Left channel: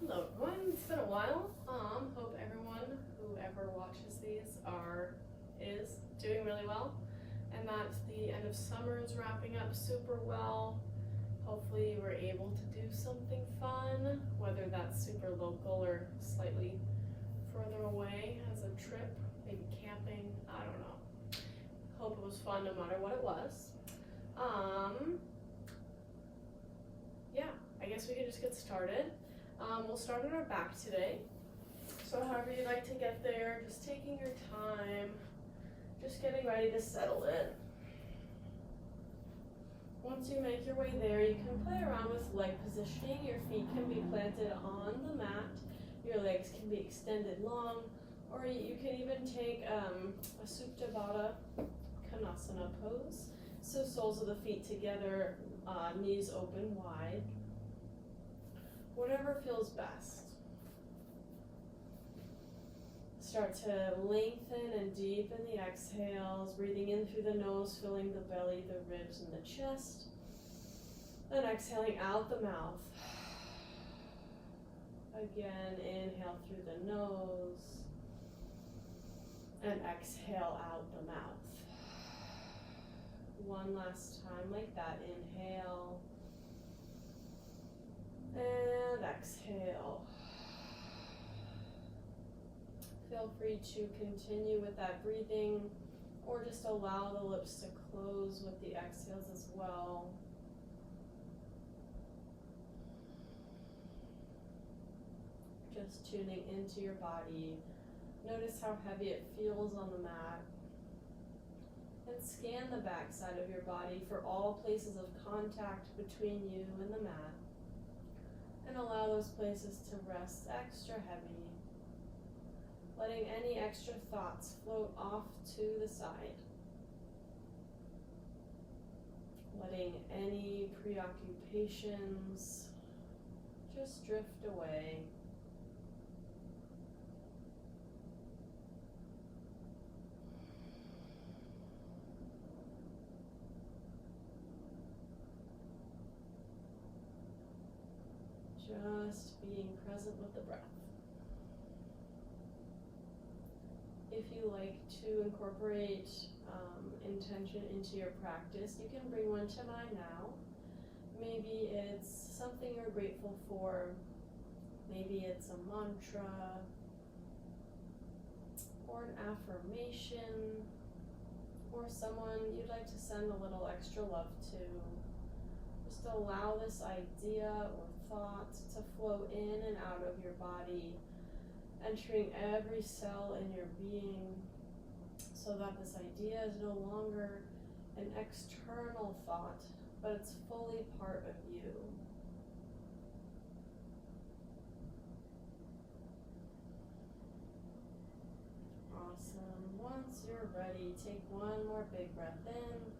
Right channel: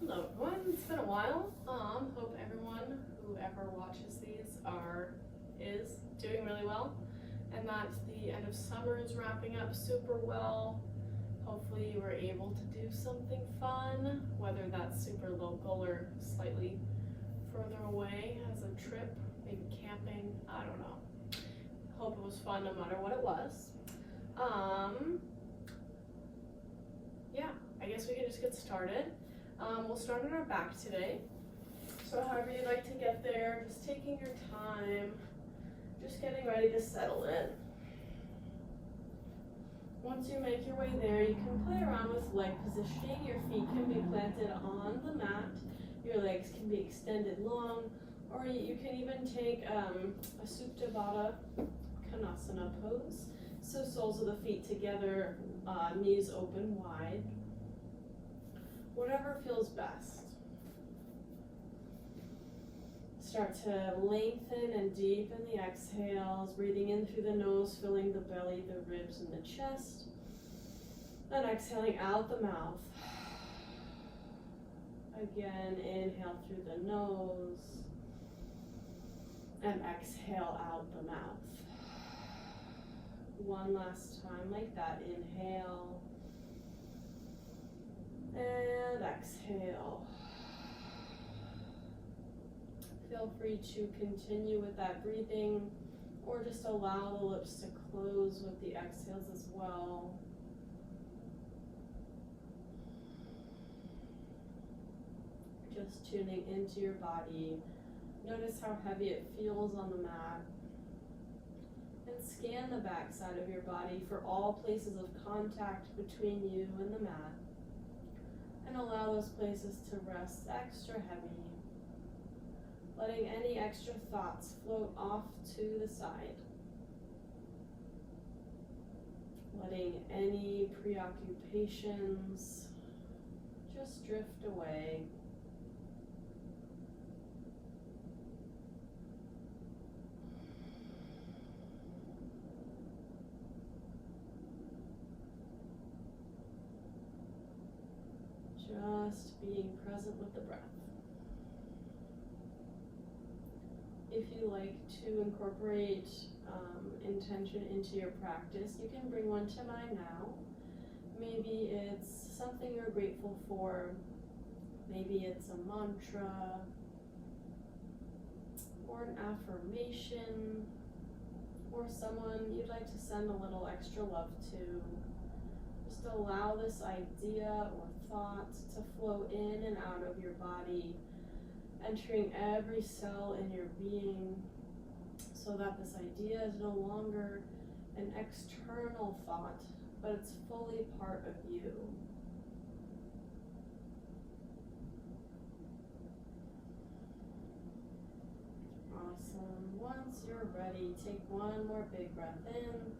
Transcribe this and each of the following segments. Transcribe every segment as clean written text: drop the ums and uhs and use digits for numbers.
Hello everyone, it's been a while. Hope everyone who ever watches these is doing really well and that the end of summer is wrapping up super well. Hopefully you were able to do something fun, whether that's super local or slightly further away as a trip, maybe camping, I don't know. Hope it was fun no matter what it was. Yeah, I guess we can just get started. We'll start on our back today. So however you'd like to get there, just taking your time, just getting ready to settle in. Once you make your way there, you can play around with leg positioning. Your feet can be planted on the mat, your legs can be extended long, or you can even take a Supta Baddha Konasana pose. So soles of the feet together, knees open wide. Whatever feels best. Start to lengthen and deepen the exhales, breathing in through the nose, filling the belly, the ribs, and the chest. And exhaling out the mouth. Again, inhale through the nose. And exhale out the mouth. One last time like that. Inhale. And exhale. Feel free to continue with that breathing or just allow the lips to close with the exhales as well. Just tuning into your body. Notice how heavy it feels on the mat. And scan the back side of your body for all places of contact between you and the mat. And allow those places to rest extra heavy, letting any extra thoughts float off to the side, letting any preoccupations just drift away. Just being present with the breath. If you like to incorporate intention into your practice, you can bring one to mind now. Maybe it's something you're grateful for. Maybe it's a mantra or an affirmation or someone you'd like to send a little extra love to. Just allow this idea or thought to flow in and out of your body, entering every cell in your being, so that this idea is no longer an external thought, but it's fully part of you. Awesome. Once you're ready, take one more big breath in.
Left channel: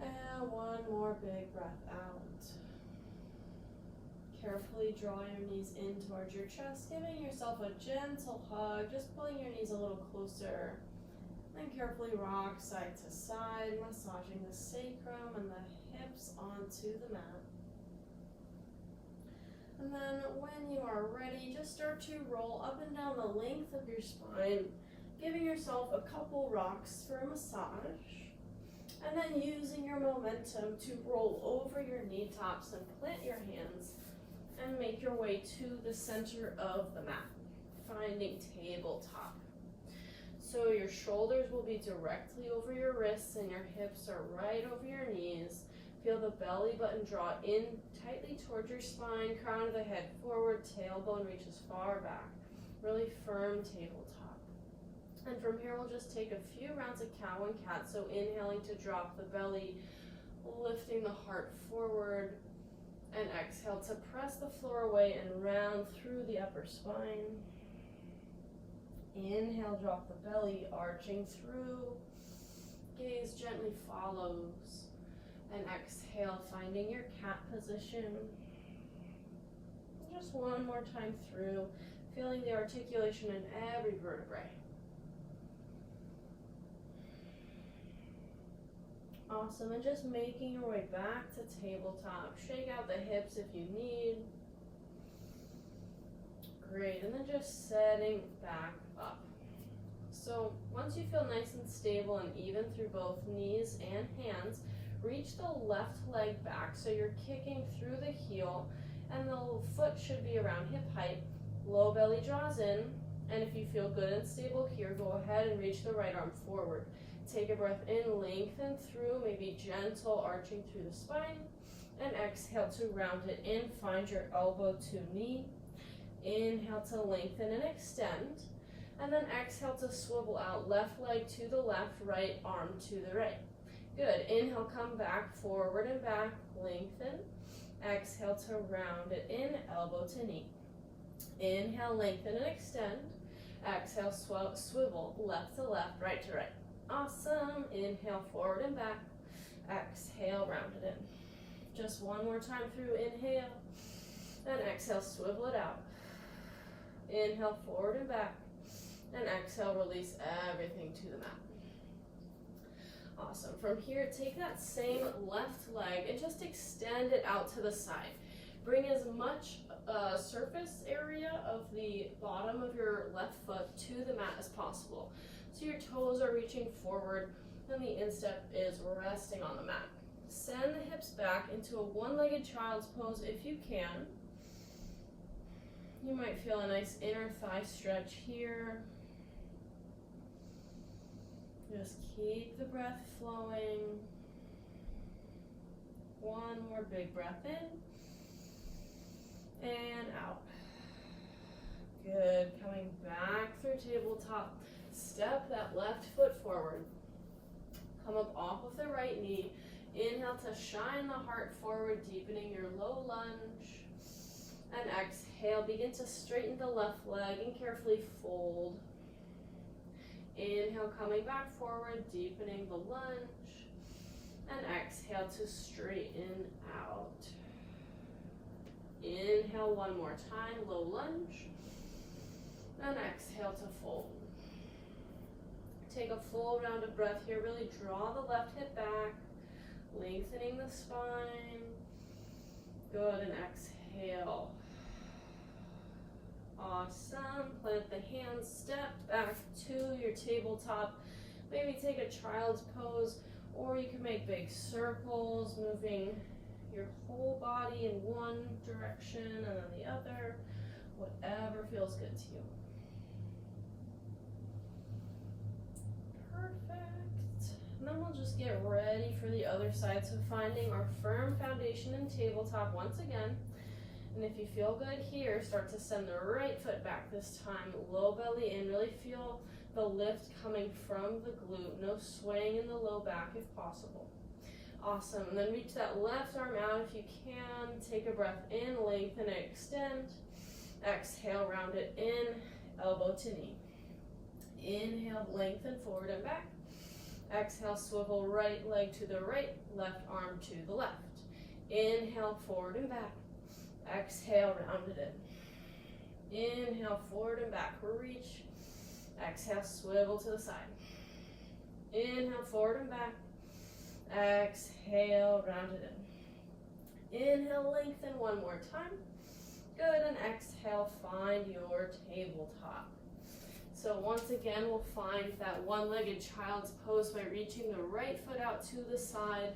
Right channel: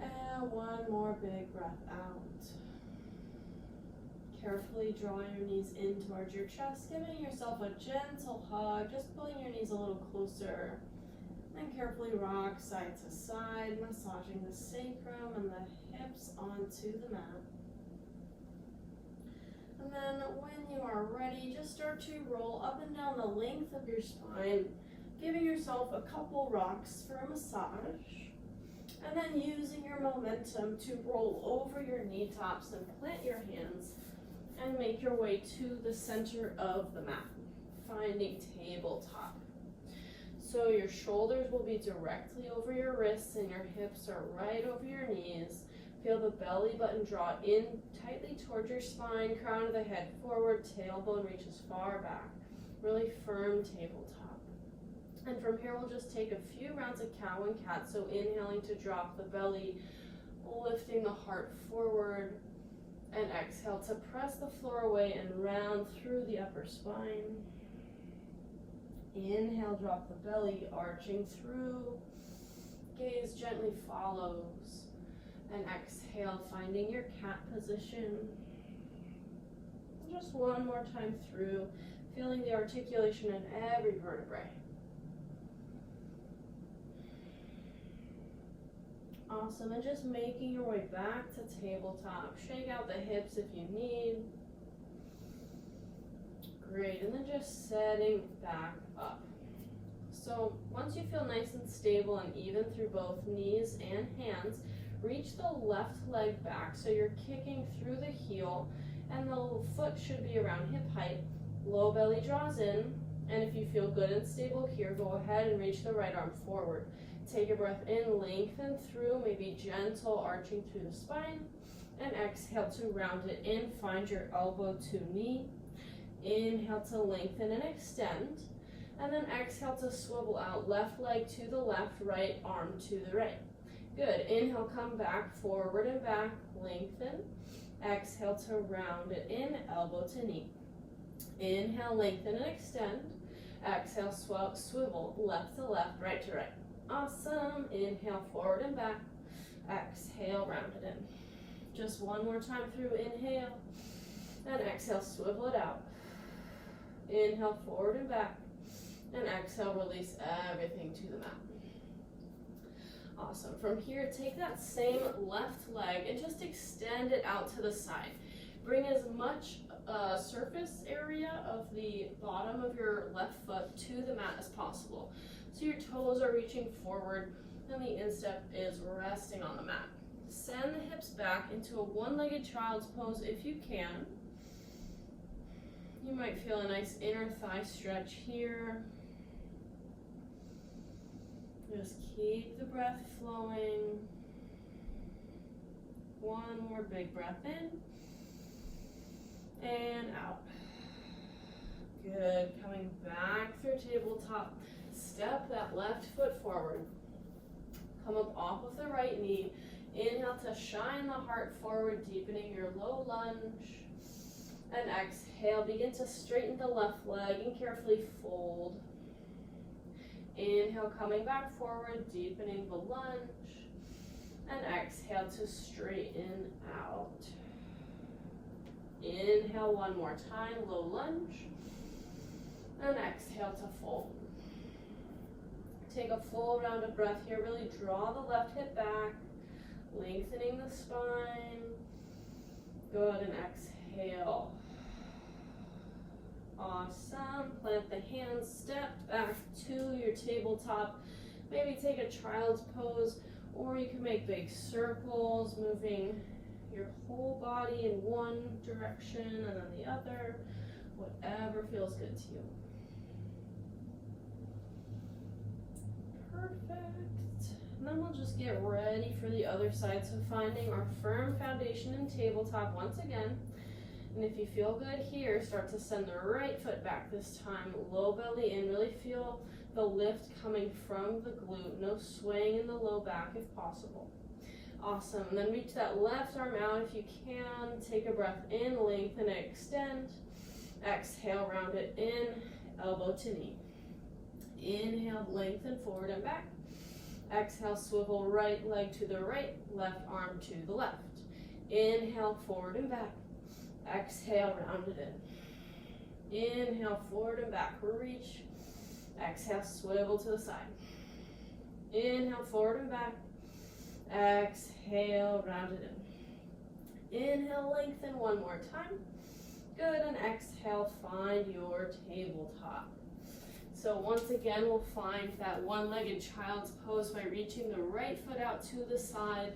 And one more big breath out. Carefully draw your knees in towards your chest, giving yourself a gentle hug, just pulling your knees a little closer. And carefully rock side to side, massaging the sacrum and the hips onto the mat. And then when you are ready, just start to roll up and down the length of your spine, giving yourself a couple rocks for a massage. And then using your momentum to roll over your knee tops and plant your hands and make your way to the center of the mat, finding tabletop. So your shoulders will be directly over your wrists and your hips are right over your knees. Feel the belly button draw in tightly towards your spine, crown of the head forward, tailbone reaches far back. Really firm tabletop. And from here, we'll just take a few rounds of cow and cat. So inhaling to drop the belly, lifting the heart forward, and exhale to press the floor away and round through the upper spine. Inhale, drop the belly, arching through. Gaze gently follows. And exhale, finding your cat position. Just one more time through, feeling the articulation in every vertebrae. Awesome, and just making your way back to tabletop. Shake out the hips if you need. Great, and then just setting back up. So once you feel nice and stable and even through both knees and hands, reach the left leg back so you're kicking through the heel and the foot should be around hip height. Low belly draws in, and if you feel good and stable here, go ahead and reach the right arm forward. Take a breath in, lengthen through, maybe gentle arching through the spine, and exhale to round it in. Find your elbow to knee. Inhale to lengthen and extend, and then exhale to swivel out, left leg to the left, right arm to the right. Good, inhale, come back, forward and back, lengthen. Exhale to round it in, elbow to knee. Inhale, lengthen and extend. Exhale, swivel, left to left, right to right. Awesome, inhale, forward and back. Exhale, round it in. Just one more time through, inhale, and exhale, swivel it out. Inhale, forward and back, and exhale, release everything to the mat. Awesome. From here, take that same left leg and just extend it out to the side. Bring as much surface area of the bottom of your left foot to the mat as possible. So your toes are reaching forward and the instep is resting on the mat. Send the hips back into a one-legged child's pose if you can. You might feel a nice inner thigh stretch here. Just keep the breath flowing. One more big breath in and out. Good. Coming back through tabletop. Step that left foot forward. Come up off of the right knee. Inhale to shine the heart forward, deepening your low lunge. And exhale, begin to straighten the left leg and carefully fold. Inhale, coming back forward, deepening the lunge. And exhale to straighten out. Inhale one more time, low lunge. And exhale to fold. Take a full round of breath here. Really draw the left hip back, lengthening the spine. Good, and exhale. Awesome. Plant the hands, step back to your tabletop. Maybe take a child's pose, or you can make big circles, moving your whole body in one direction and then the other, whatever feels good to you. Perfect. And then we'll just get ready for the other side. So finding our firm foundation in tabletop once again. And if you feel good here, start to send the right foot back this time. Low belly in. Really feel the lift coming from the glute. No swaying in the low back if possible. Awesome. And then reach that left arm out if you can. Take a breath in, lengthen and extend. Exhale, round it in, elbow to knee. Inhale, lengthen forward and back. Exhale, swivel right leg to the right, left arm to the left. Inhale, forward and back. Exhale, round it in. Inhale, forward and back, reach. Exhale, swivel to the side. Inhale, forward and back. Exhale, round it in. Inhale, lengthen one more time. Good, and exhale, find your tabletop. So once again, we'll find that one-legged child's pose by reaching the right foot out to the side,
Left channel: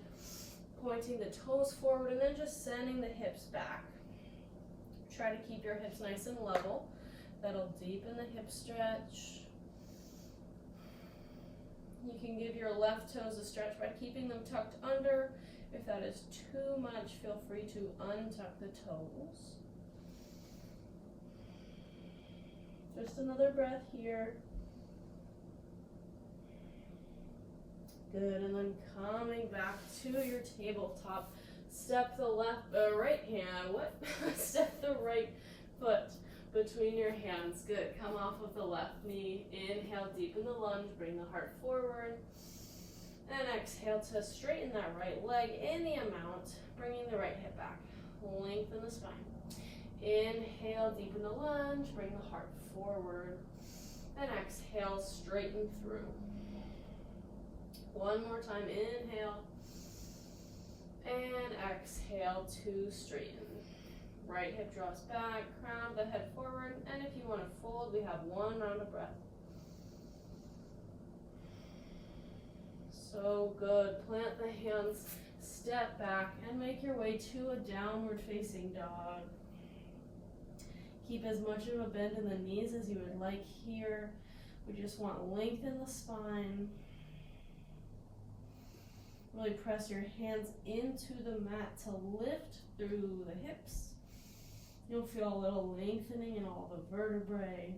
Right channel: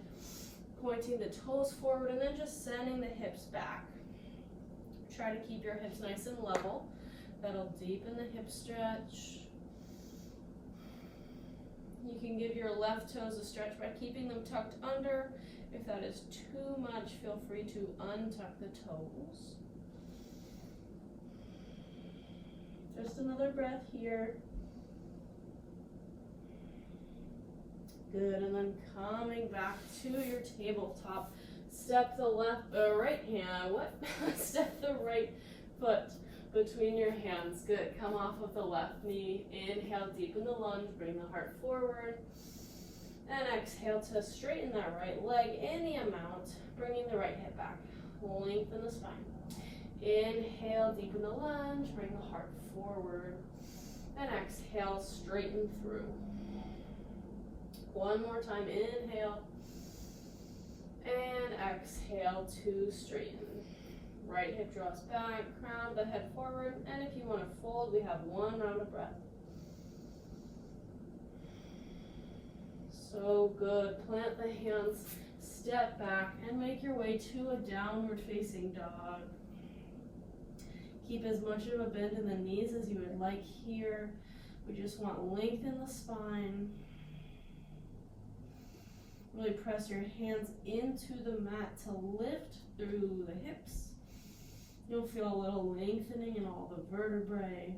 pointing the toes forward, and then just sending the hips back. Try to keep your hips nice and level. That'll deepen the hip stretch. You can give your left toes a stretch by keeping them tucked under. If that is too much, feel free to untuck the toes. Just another breath here. Good, and then coming back to your tabletop. Step the right hand, Step the right foot between your hands. Good, come off of the left knee. Inhale, deepen the lunge, bring the heart forward. And exhale to straighten that right leg any amount, bringing the right hip back. Lengthen the spine. Inhale, deepen the lunge, bring the heart forward. And exhale, straighten through. One more time, inhale. And exhale to straighten. Right hip draws back, crown the head forward, and if you want to fold, we have one round of breath. So good. Plant the hands, step back, and make your way to a downward facing dog. Keep as much of a bend in the knees as you would like here. We just want length in the spine. Really press your hands into the mat to lift through the hips. You'll feel a little lengthening in all the vertebrae.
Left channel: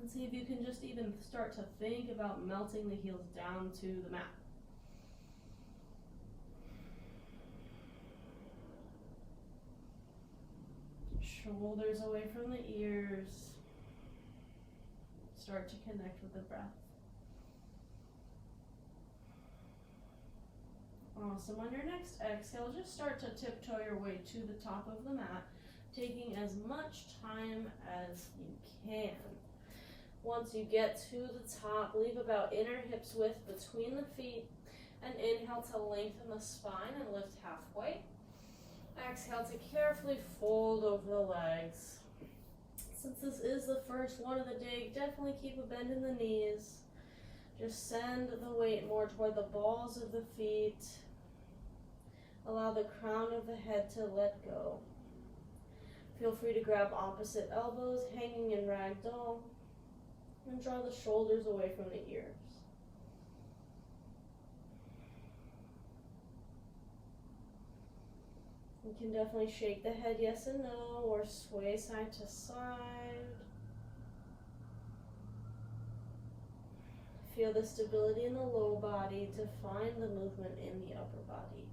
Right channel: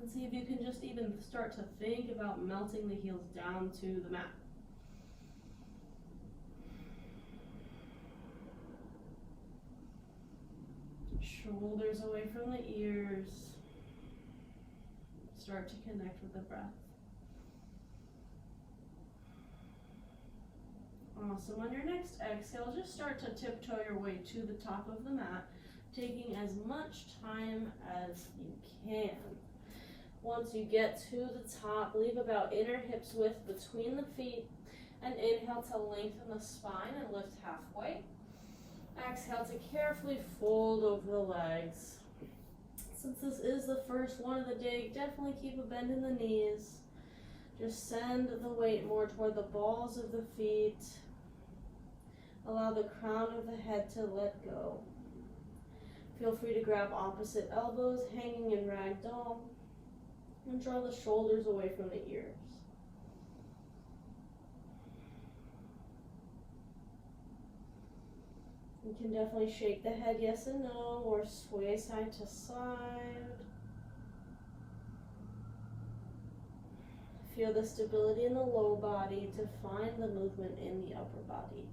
And see if you can just even start to think about melting the heels down to the mat. Shoulders away from the ears. Start to connect with the breath. Awesome. On your next exhale, just start to tiptoe your way to the top of the mat, taking as much time as you can. Once you get to the top, leave about inner hips width between the feet, and inhale to lengthen the spine and lift halfway. Exhale to carefully fold over the legs. Since this is the first one of the day, definitely keep a bend in the knees. Just send the weight more toward the balls of the feet. Allow the crown of the head to let go. Feel free to grab opposite elbows, hanging in ragdoll, and draw the shoulders away from the ears. You can definitely shake the head yes and no, or sway side to side. Feel the stability in the low body to find the movement in the upper body.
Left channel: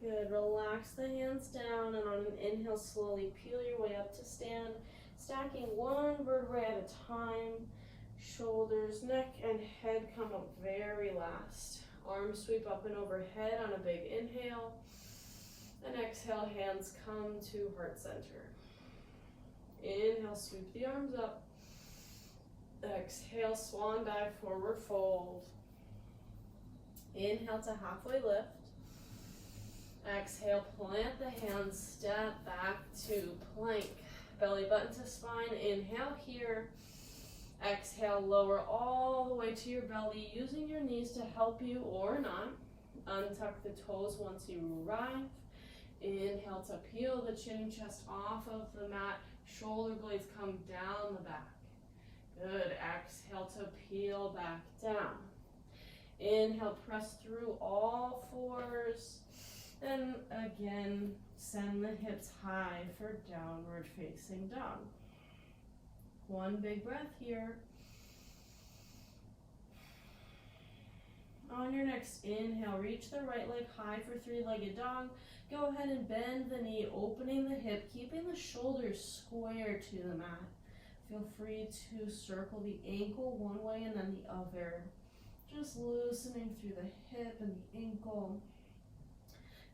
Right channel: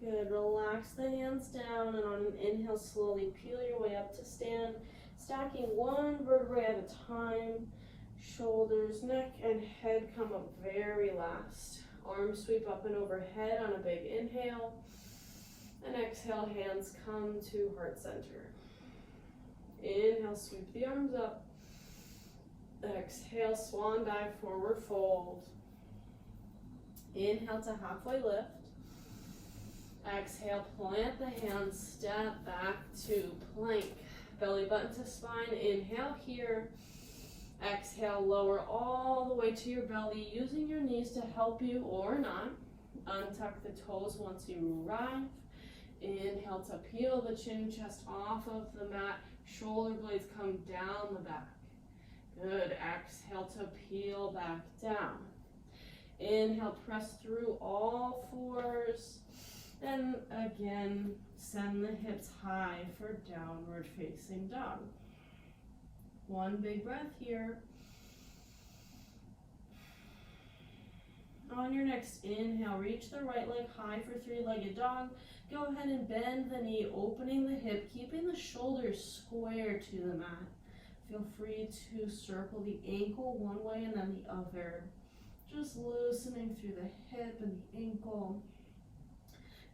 Good. Relax the hands down, and on an inhale, slowly peel your way up to stand, stacking one vertebrae at a time. Shoulders, neck, and head come up very last. Arms sweep up and overhead on a big inhale. And exhale, hands come to heart center. Inhale, sweep the arms up. Exhale, swan dive, forward fold. Inhale to halfway lift. Exhale, plant the hands, step back to plank. Belly button to spine, inhale here. Exhale, lower all the way to your belly, using your knees to help you or not. Untuck the toes once you arrive. Inhale to peel the chin and chest off of the mat. Shoulder blades come down the back. Good. Exhale to peel back down. Inhale, press through all fours. And again, send the hips high for downward facing dog. One big breath here. On your next inhale, reach the right leg high for three-legged dog. Go ahead and bend the knee, opening the hip, keeping the shoulders square to the mat. Feel free to circle the ankle one way and then the other. Just loosening through the hip and the ankle.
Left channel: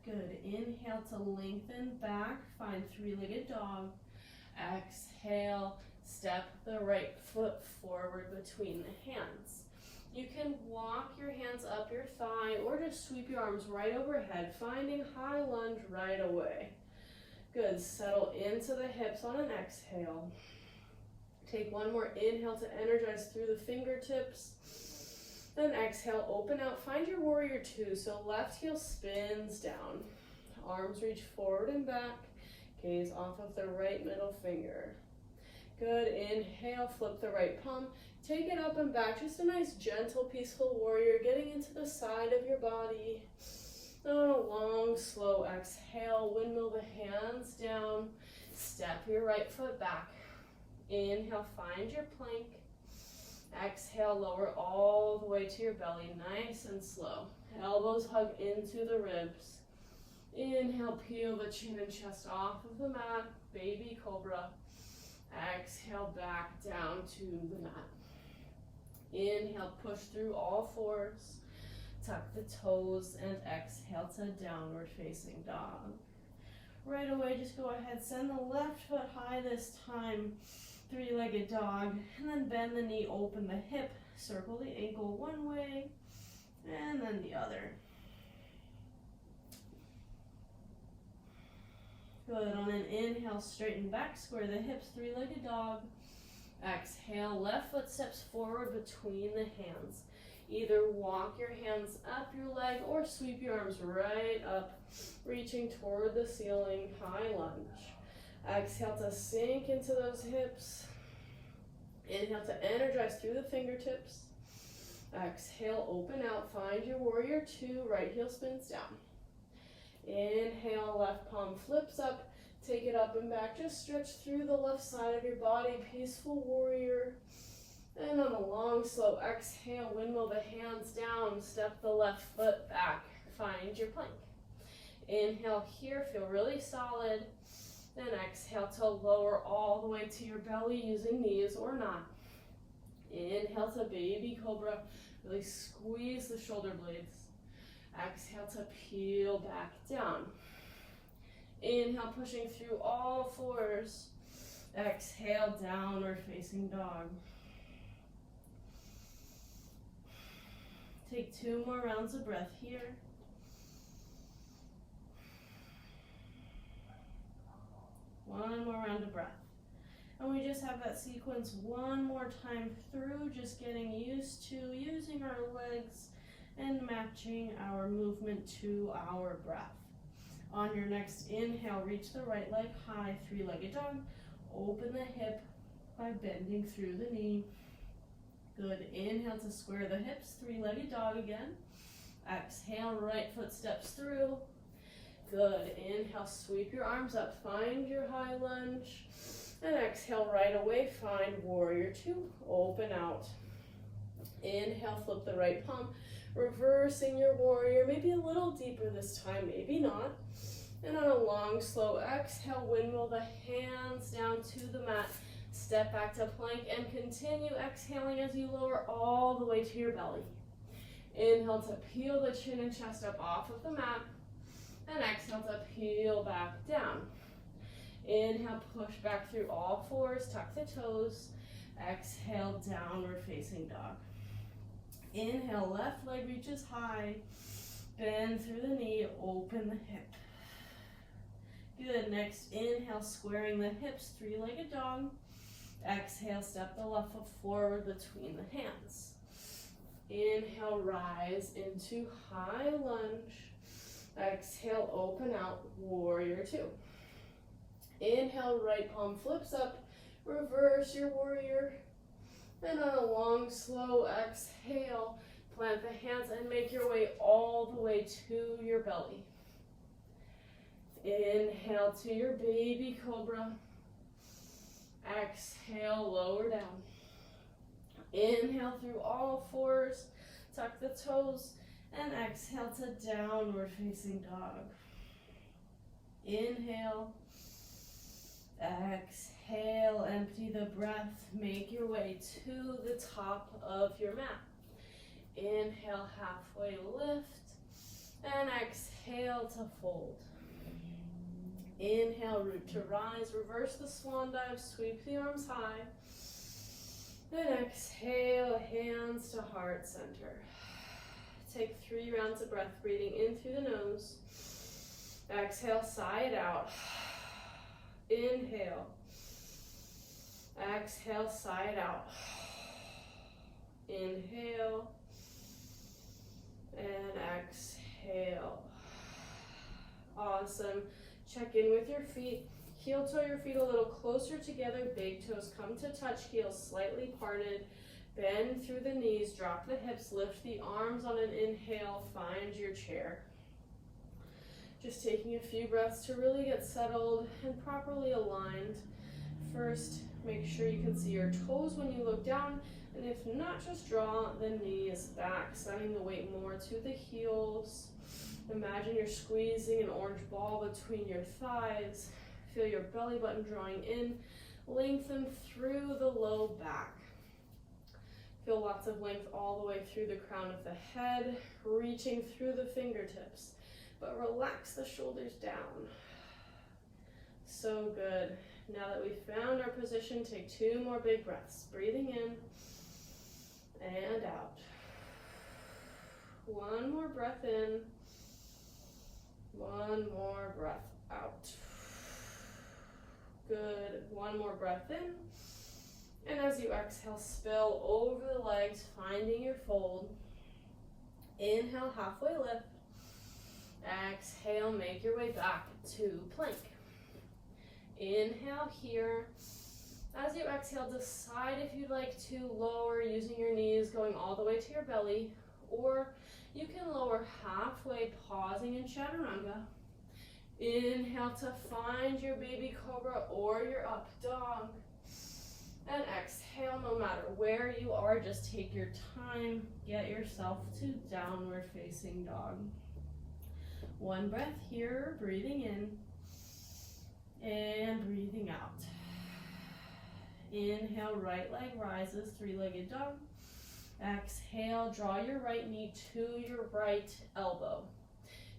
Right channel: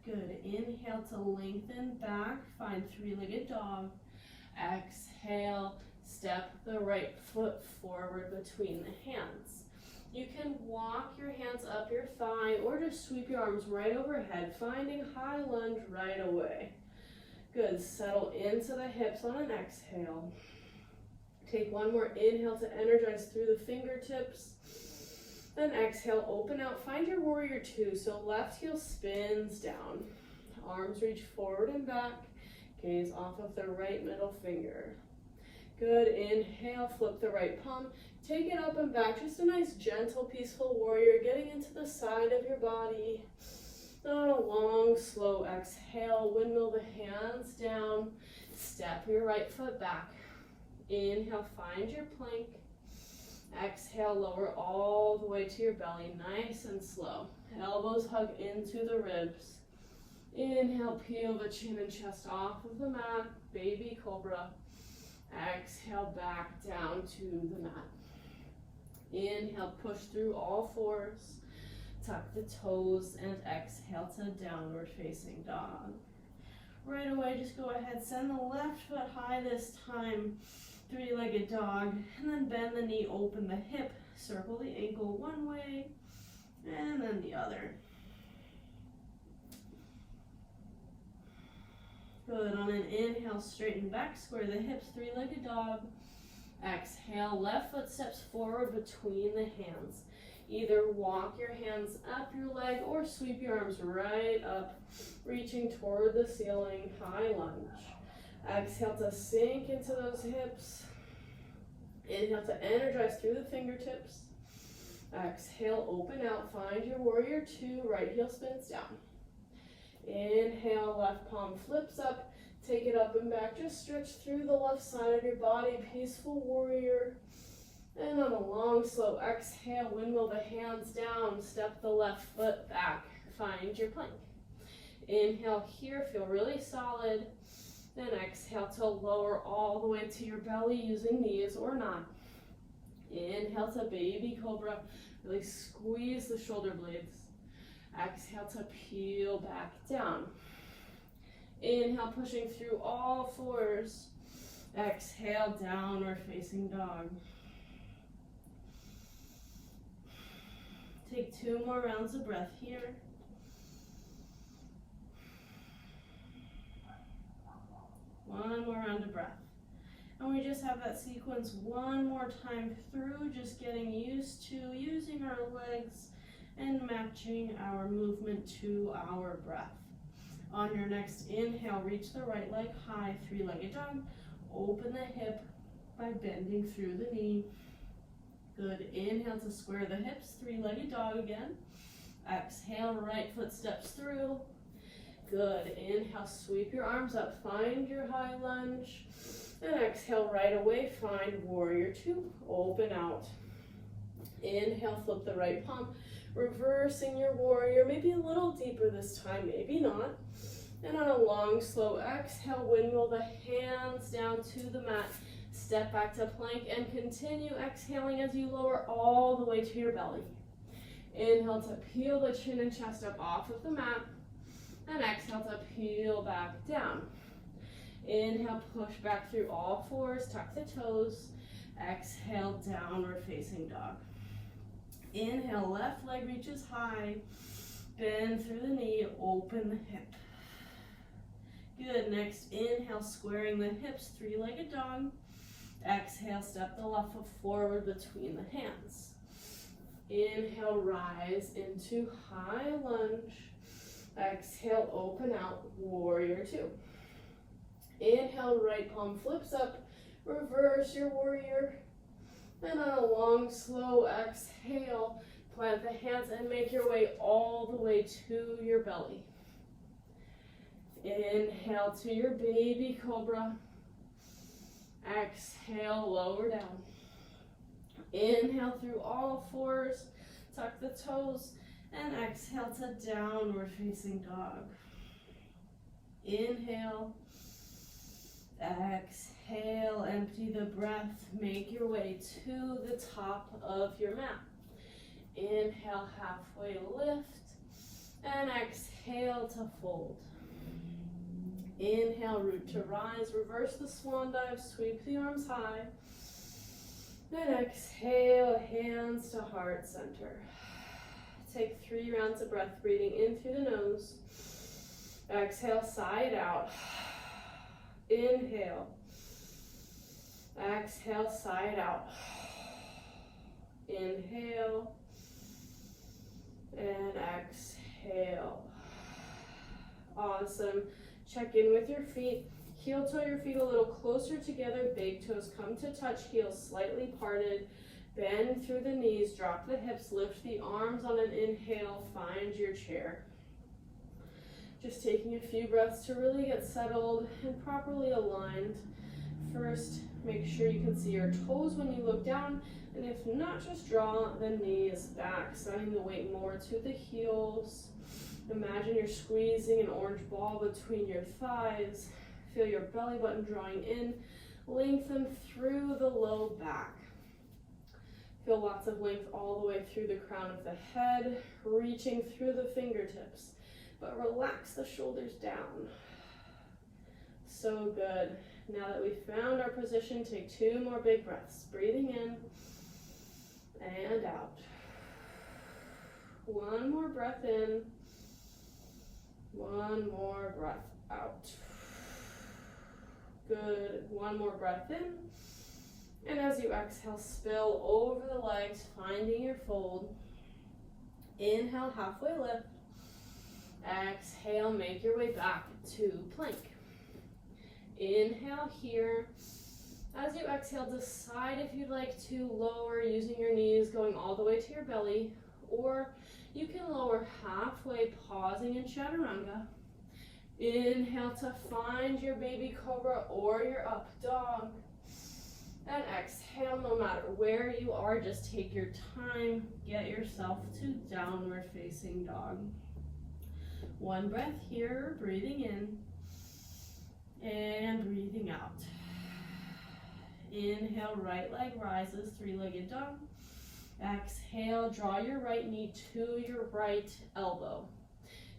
Good. Inhale to lengthen back, find three-legged dog. Exhale, step the right foot forward between the hands. You can walk your hands up your thigh or just sweep your arms right overhead, finding high lunge right away. Good. Settle into the hips on an exhale. Take one more inhale to energize through the fingertips. Then exhale, open out, find your warrior two. So left heel spins down. Arms reach forward and back. Gaze off of the right middle finger. Good. Inhale, flip the right palm. Take it up and back. Just a nice, gentle, peaceful warrior, getting into the side of your body. On a long, slow exhale, windmill the hands down. Step your right foot back. Inhale, find your plank. Exhale, lower all the way to your belly, nice and slow. Elbows hug into the ribs. Inhale, peel the chin and chest off of the mat, baby cobra. Exhale, back down to the mat. Inhale, push through all fours. Tuck the toes and exhale to downward facing dog. Right away, just go ahead, send the left foot high this time. Three-legged dog, and then bend the knee, open the hip, circle the ankle one way, And then the other. Good. On an inhale, straighten back, square the hips, three-legged dog. Exhale, left foot steps forward between the hands. Either walk your hands up your leg or sweep your arms right up, reaching toward the ceiling, high lunge. Exhale to sink into those hips. Inhale to energize through the fingertips. Exhale, open out, find your warrior two, right heel spins down. Inhale, left palm flips up, take it up and back, just stretch through the left side of your body, peaceful warrior. And on a long, slow exhale, windmill the hands down, step the left foot back, find your plank. Inhale here, feel really solid. Then exhale to lower all the way to your belly using knees or not. Inhale to baby cobra, really squeeze the shoulder blades. Exhale to peel back down. Inhale, pushing through all fours. Exhale, downward facing dog. Take 2 more rounds of breath here. One more round of breath. And we just have that sequence one more time through, just getting used to using our legs and matching our movement to our breath. On your next inhale, reach the right leg high, three-legged dog. Open the hip by bending through the knee. Good. Inhale to square the hips, three-legged dog again. Exhale, right foot steps through. Good. Inhale, sweep your arms up, find your high lunge. And exhale, right away, find warrior two, open out. Inhale, flip the right palm, reversing your warrior, maybe a little deeper this time, maybe not. And on a long, slow exhale, windmill the hands down to the mat. Step back to plank and continue exhaling as you lower all the way to your belly. Inhale to peel the chin and chest up off of the mat. And exhale to peel back down. Inhale, push back through all fours, tuck the toes. Exhale, downward facing dog. Inhale, left leg reaches high. Bend through the knee, open the hip. Good. Next, inhale, squaring the hips, three-legged dog. Exhale, step the left foot forward between the hands. Inhale, rise into high lunge. Exhale, open out, warrior two. Inhale, right palm flips up, reverse your warrior. Then on a long, slow exhale, plant the hands and make your way all the way to your belly. Inhale to your baby cobra. Exhale, lower down. Inhale through all fours, tuck the toes, and exhale to downward facing dog. Inhale, exhale, empty the breath, make your way to the top of your mat. Inhale, halfway lift, and exhale to fold. Inhale, root to rise, reverse the swan dive, sweep the arms high. Then exhale, hands to heart center. Take 3 rounds of breath, breathing in through the nose. Exhale, sigh it out. Inhale. Exhale, sigh it out. Inhale. And exhale. Awesome. Check in with your feet. Heel toe your feet a little closer together. Big toes come to touch. Heels slightly parted. Bend through the knees. Drop the hips. Lift the arms on an inhale. Find your chair. Just taking a few breaths to really get settled and properly aligned. First, make sure you can see your toes when you look down. And if not, just draw the knees back, sending the weight more to the heels. Imagine you're squeezing an orange ball between your thighs. Feel your belly button drawing in. Lengthen through the low back. Feel lots of length all the way through the crown of the head, reaching through the fingertips. But relax the shoulders down. So good. Now that we've found our position, take 2 more big breaths. Breathing in and out. 1 breath in. One more breath out. Good. One more breath in. And as you exhale, spill over the legs, finding your fold. Inhale, halfway lift. Exhale, make your way back to plank. Inhale here. As you exhale, decide if you'd like to lower using your knees going all the way to your belly, or you can lower halfway, pausing in chaturanga. Inhale to find your baby cobra or your up dog. And exhale, no matter where you are, just take your time, get yourself to downward facing dog. One breath here, breathing in and breathing out. Inhale, right leg rises, three-legged dog. Exhale, draw your right knee to your right elbow.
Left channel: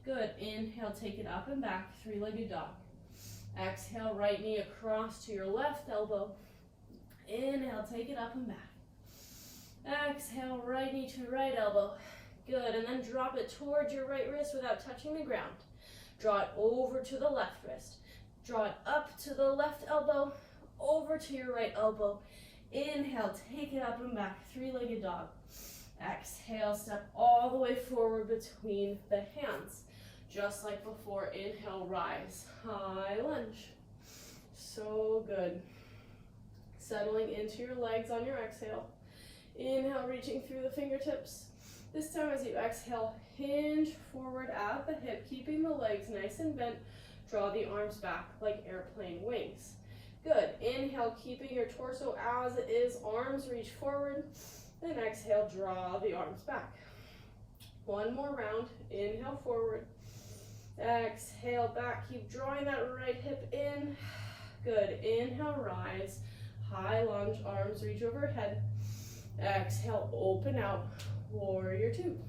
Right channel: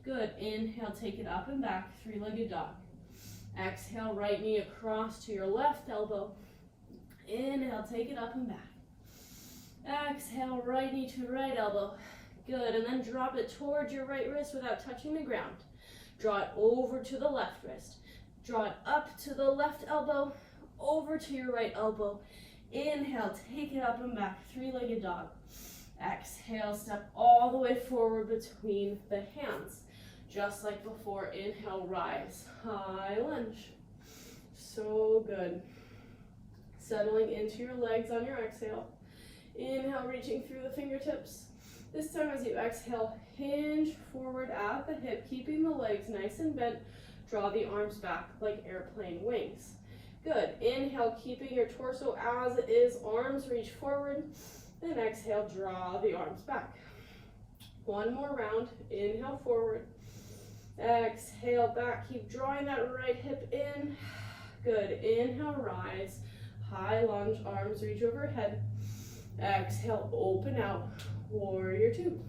Good. Inhale, take it up and back, three-legged dog. Exhale, right knee across to your left elbow. Inhale, take it up and back. Exhale, right knee to right elbow. Good. And then drop it towards your right wrist without touching the ground. Draw it over to the left wrist. Draw it up to the left elbow, over to your right elbow. Inhale, take it up and back, three-legged dog. Exhale, step all the way forward between the hands. Just like before, inhale, rise, high lunge. So good. Settling into your legs on your exhale. Inhale, reaching through the fingertips. This time as you exhale, hinge forward at the hip, keeping the legs nice and bent. Draw the arms back like airplane wings. Good. Inhale, keeping your torso as it is, arms reach forward. And exhale, draw the arms back. One more round. Inhale, forward. Exhale, back. Keep drawing that right hip in. Good. Inhale, rise. High lunge, arms reach overhead. Exhale, open out. Warrior two.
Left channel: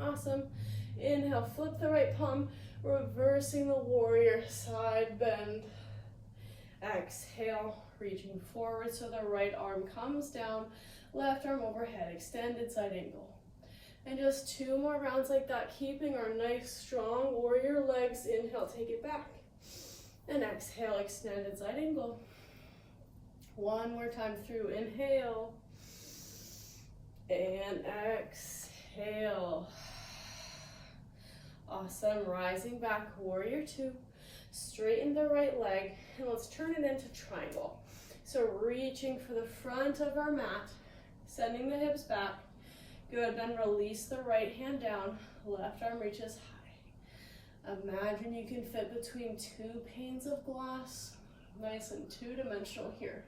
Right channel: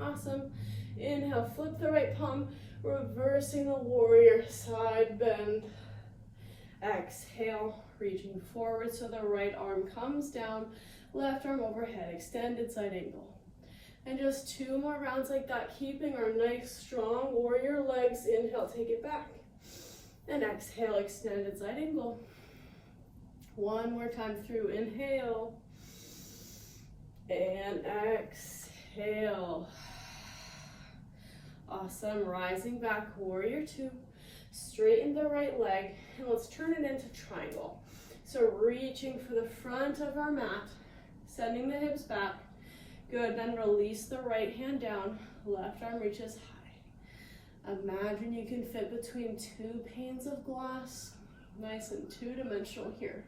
Awesome. Inhale, flip the right palm, reversing the warrior, side bend. Exhale, reaching forward so the right arm comes down, left arm overhead, extended side angle. And just two more rounds like that, keeping our nice strong warrior legs. Inhale, take it back. And exhale, extended side angle. One more time through, inhale. And exhale. Awesome, rising back, warrior two. Straighten the right leg, and let's turn it into triangle. So reaching for the front of our mat, sending the hips back. Good, then release the right hand down, left arm reaches high. Imagine you can fit between two panes of glass, nice and two-dimensional here.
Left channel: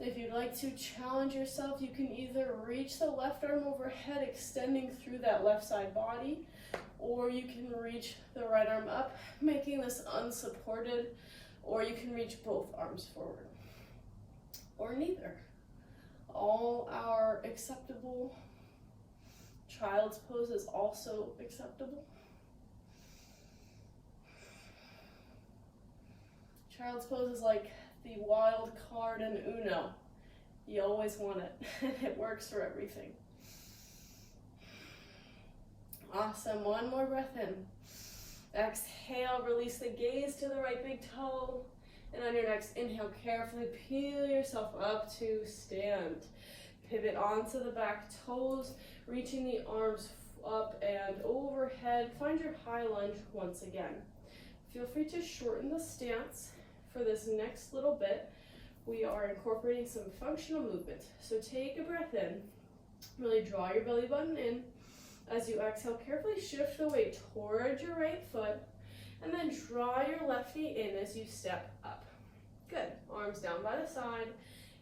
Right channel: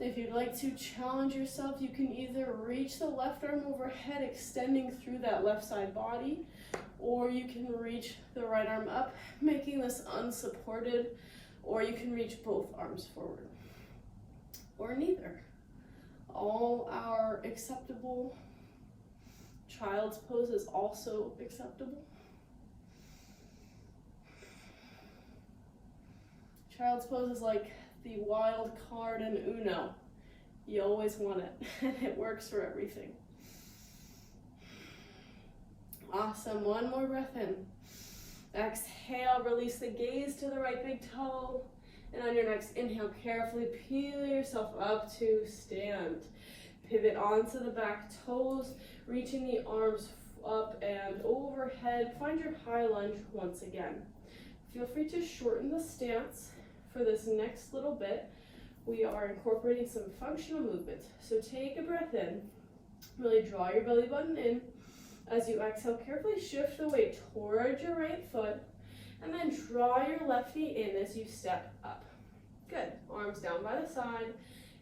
If you'd like to challenge yourself, you can either reach the left arm overhead, extending through that left side body, or you can reach the right arm up, making this unsupported, or you can reach both arms forward, or neither. All are acceptable. Child's pose is also acceptable. Child's pose is like the wild card in Uno. You always want it, and it works for everything. Awesome, one more breath in. Exhale, release the gaze to the right big toe. And on your next inhale, carefully peel yourself up to stand. Pivot onto the back toes, reaching the arms up and overhead. Find your high lunge once again. Feel free to shorten the stance for this next little bit. We are incorporating some functional movement. So take a breath in. Really draw your belly button in. As you exhale, carefully shift the weight towards your right foot, and then draw your left knee in as you step up. Good. Arms down by the side.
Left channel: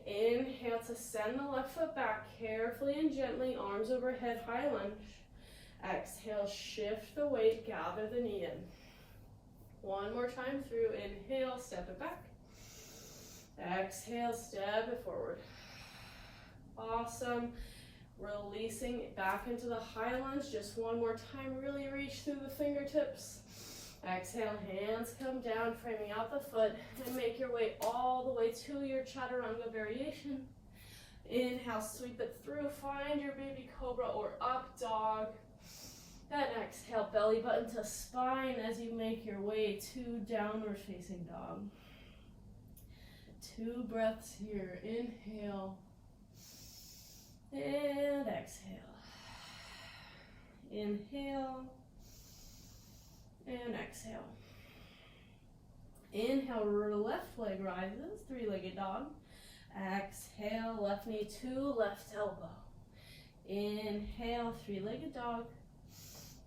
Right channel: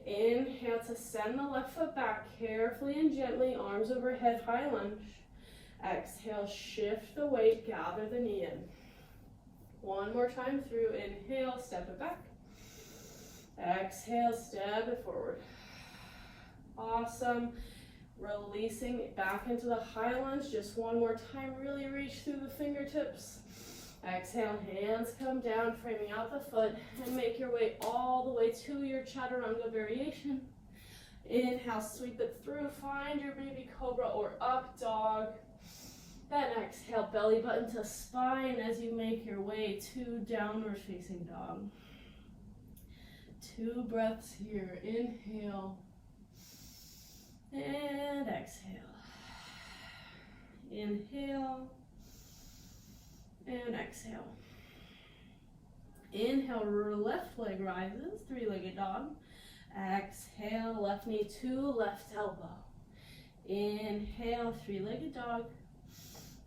Inhale to send the left foot back carefully and gently, arms overhead, high lunge. Exhale, shift the weight, gather the knee in. One more time through. Inhale, step it back. Exhale, step it forward. Awesome. Releasing it back into the high lunge. Just one more time. Really reach through the fingertips. Exhale, hands come down, framing out the foot, and make your way all the way to your chaturanga variation. Inhale, sweep it through. Find your baby cobra or up dog. And exhale, belly button to spine as you make your way to downward facing dog. 2 breaths here. Inhale and exhale. Inhale and exhale. Inhale, left leg rises, 3-legged dog. Exhale, left knee to left elbow. Inhale, 3-legged dog.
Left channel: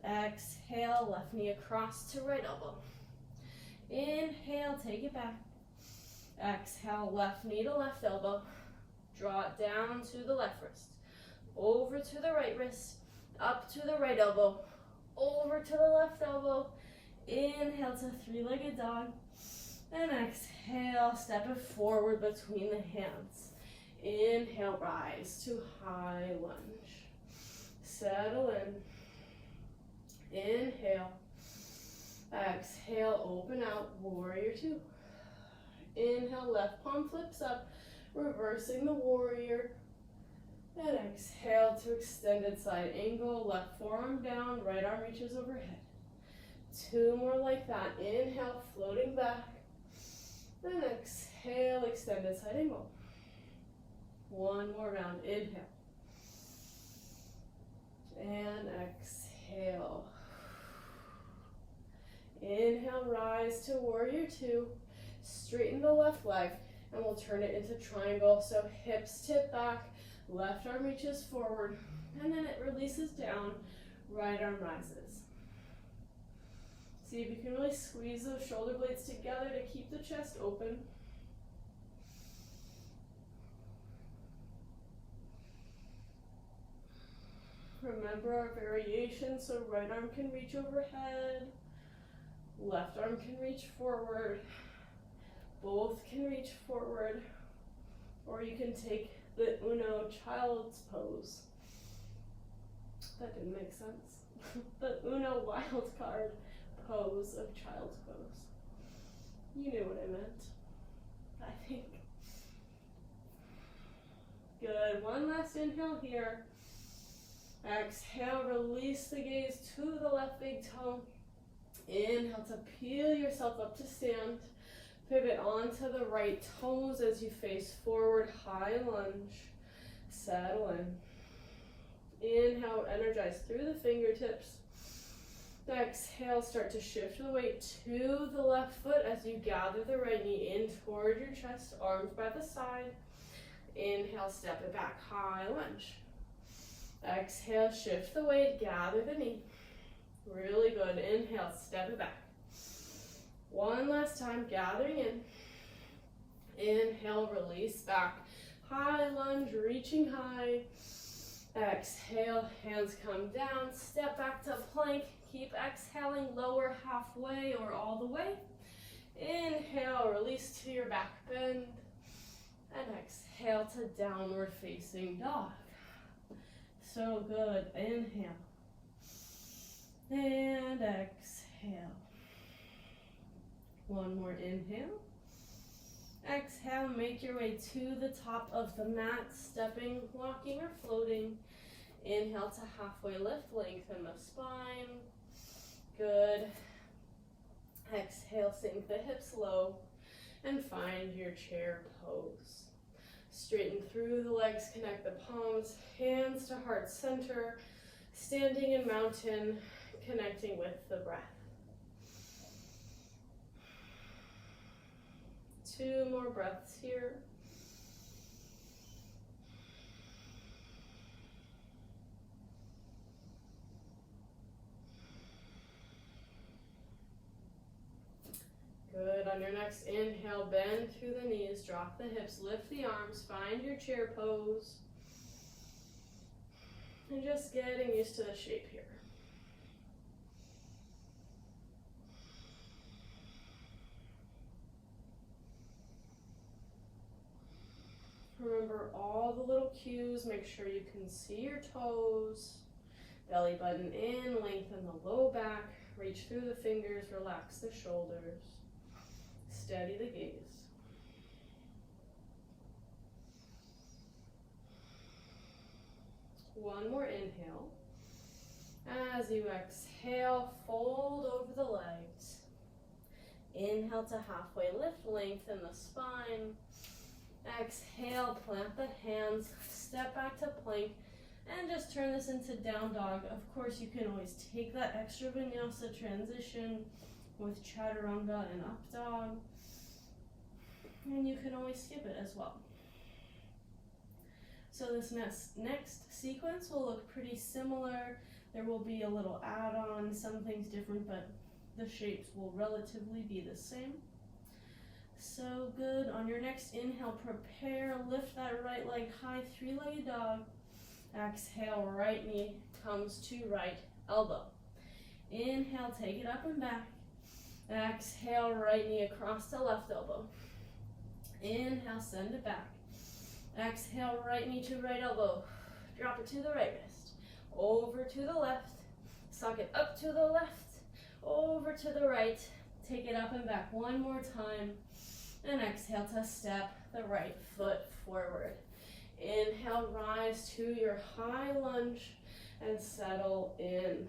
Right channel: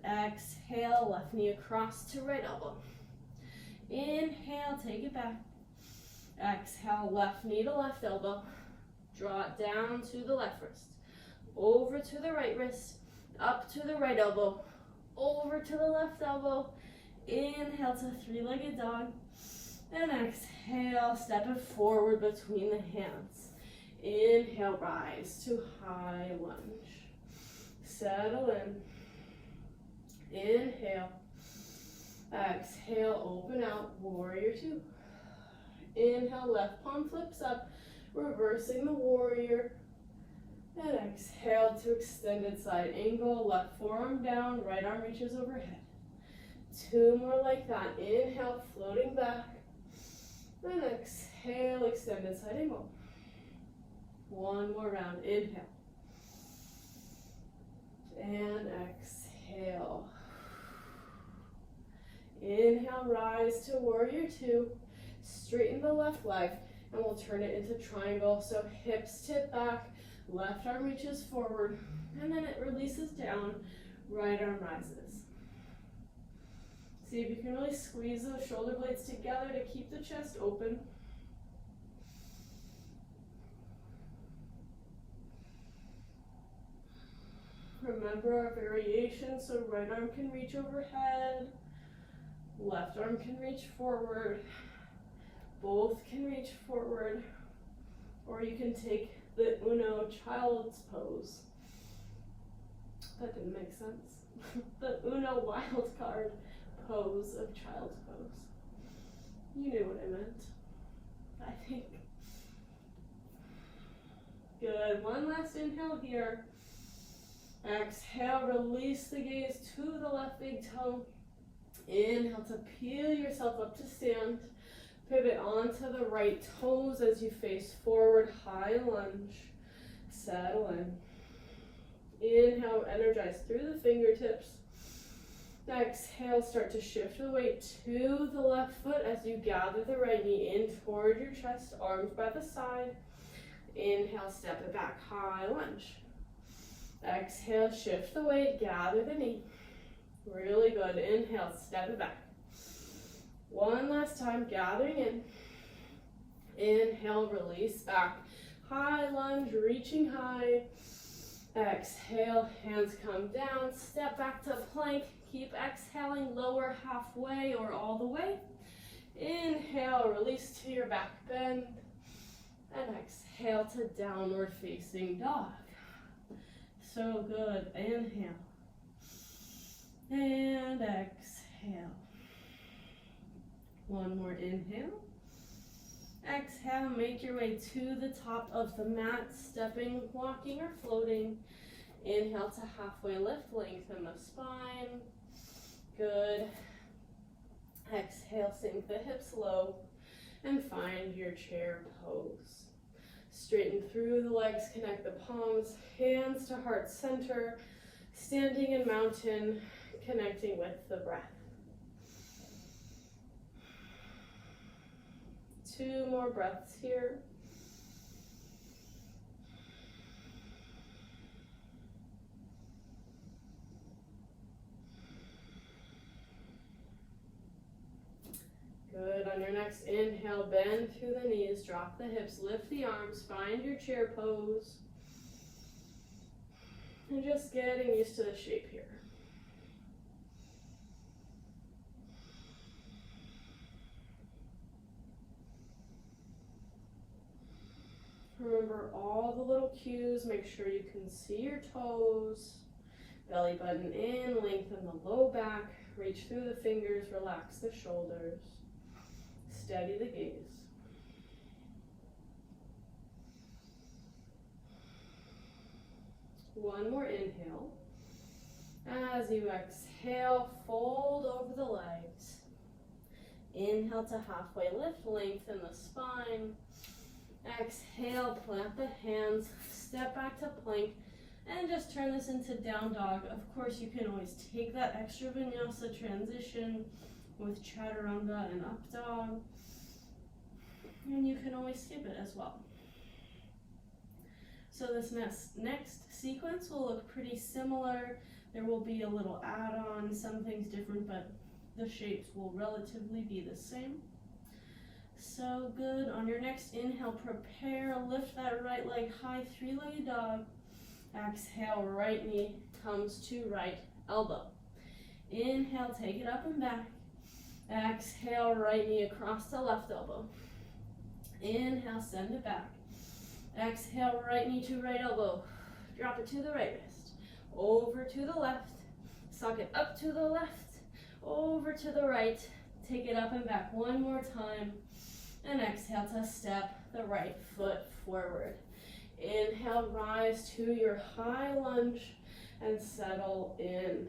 Exhale, left knee across to right elbow. Inhale, take it back. Exhale, left knee to left elbow. Draw it down to the left wrist. Over to the right wrist. Up to the right elbow. Over to the left elbow. Inhale to 3-legged dog. And exhale, step it forward between the hands. Inhale, rise to high lunge. Settle in. Inhale. Exhale, open out, warrior 2. Inhale, left palm flips up, reversing the warrior. And exhale to extended side angle, left forearm down, right arm reaches overhead. 2 more like that. Inhale, floating back. And exhale, extended side angle. 1 more round. Inhale. And exhale. Inhale, rise to warrior 2. Straighten the left leg, and we'll turn it into triangle. So hips tip back, left arm reaches forward, and then it releases down, right arm rises. See if you can really squeeze those shoulder blades together to keep the chest open. Remember our variation, so right arm can reach overhead, left arm can reach forward, both can reach forward, or you can take the Uno child's pose. That didn't make sense. The Uno wild card pose of child's pose. You knew what I meant, I think. Good, 1 last inhale here. Exhale, release the gaze to the left big toe. Inhale to peel yourself up to stand. Pivot onto the right toes as you face forward, high lunge. Settle in. Inhale, energize through the fingertips. Exhale, start to shift the weight to the left foot as you gather the right knee in toward your chest, arms by the side. Inhale, step it back, high lunge. Exhale, shift the weight, gather the knee. Really good. Inhale, step it back. 1 last time, gathering in. Inhale, release back. High lunge, reaching high. Exhale, hands come down, step back to plank. Keep exhaling, lower halfway or all the way. Inhale, release to your back bend. And exhale to downward facing dog. So good. Inhale. And exhale. 1 more inhale. Exhale, make your way to the top of the mat, stepping, walking, or floating. Inhale to halfway lift, lengthen the spine. Good. Exhale, sink the hips low and find your chair pose. Straighten through the legs, connect the palms, hands to heart center, standing in mountain, connecting with the breath. 2 more breaths here. Good. On your next inhale, bend through the knees, drop the hips, lift the arms, find your chair pose. And just getting used to the shape here. Remember all the little cues. Make sure you can see your toes. Belly button in, lengthen the low back, reach through the fingers, relax the shoulders. Steady the gaze. One more inhale. As you exhale, fold over the legs. Inhale to halfway lift, lengthen the spine. Exhale, plant the hands, step back to plank, and just turn this into down dog. Of course, you can always take that extra vinyasa transition with chaturanga and up dog, and you can always skip it as well. So this next sequence will look pretty similar. There will be a little add-on, some things different, but the shapes will relatively be the same. So good. On your next inhale, prepare, lift that right leg high, three-legged dog. Exhale, right knee comes to right elbow. Inhale, take it up and back. Exhale, right knee across to left elbow. Inhale, send it back. Exhale, right knee to right elbow. Drop it to the right wrist. Over to the left. Suck it up to the left. Over to the right. Take it up and back one more time. And exhale to step the right foot forward. Inhale, rise to your high lunge and settle in.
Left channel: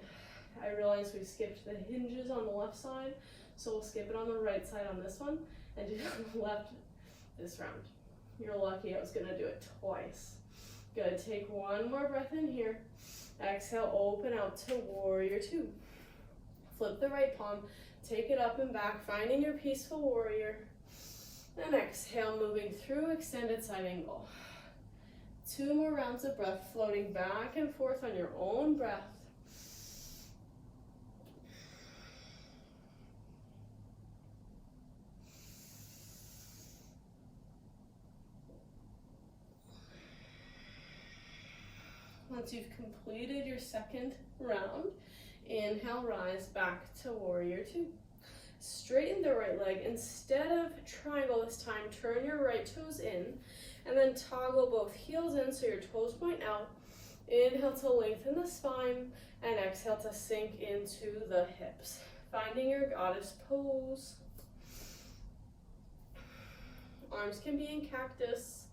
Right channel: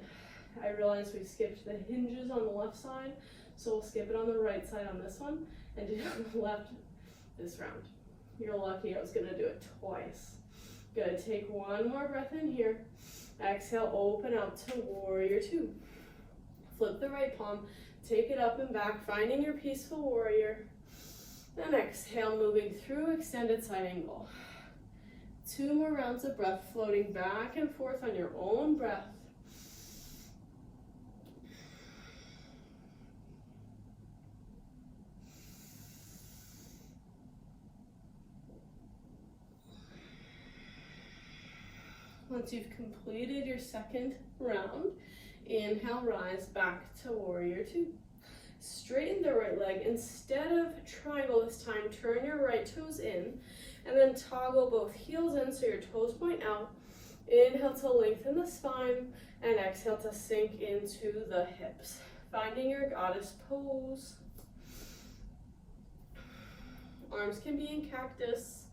I realize we skipped the hinges on the left side, so we'll skip it on the right side on this one and do the left this round. You're lucky I was gonna do it twice. Good, take one more breath in here. Exhale, open out to warrior two. Flip the right palm, take it up and back, finding your peaceful warrior. Then exhale, moving through extended side angle. 2 more rounds of breath, floating back and forth on your own breath. Once you've completed your second round, inhale, rise back to warrior two. Straighten the right leg. Instead of triangle this time, turn your right toes in and then toggle both heels in so your toes point out. Inhale to lengthen the spine and exhale to sink into the hips. Finding your goddess pose. Arms can be in cactus.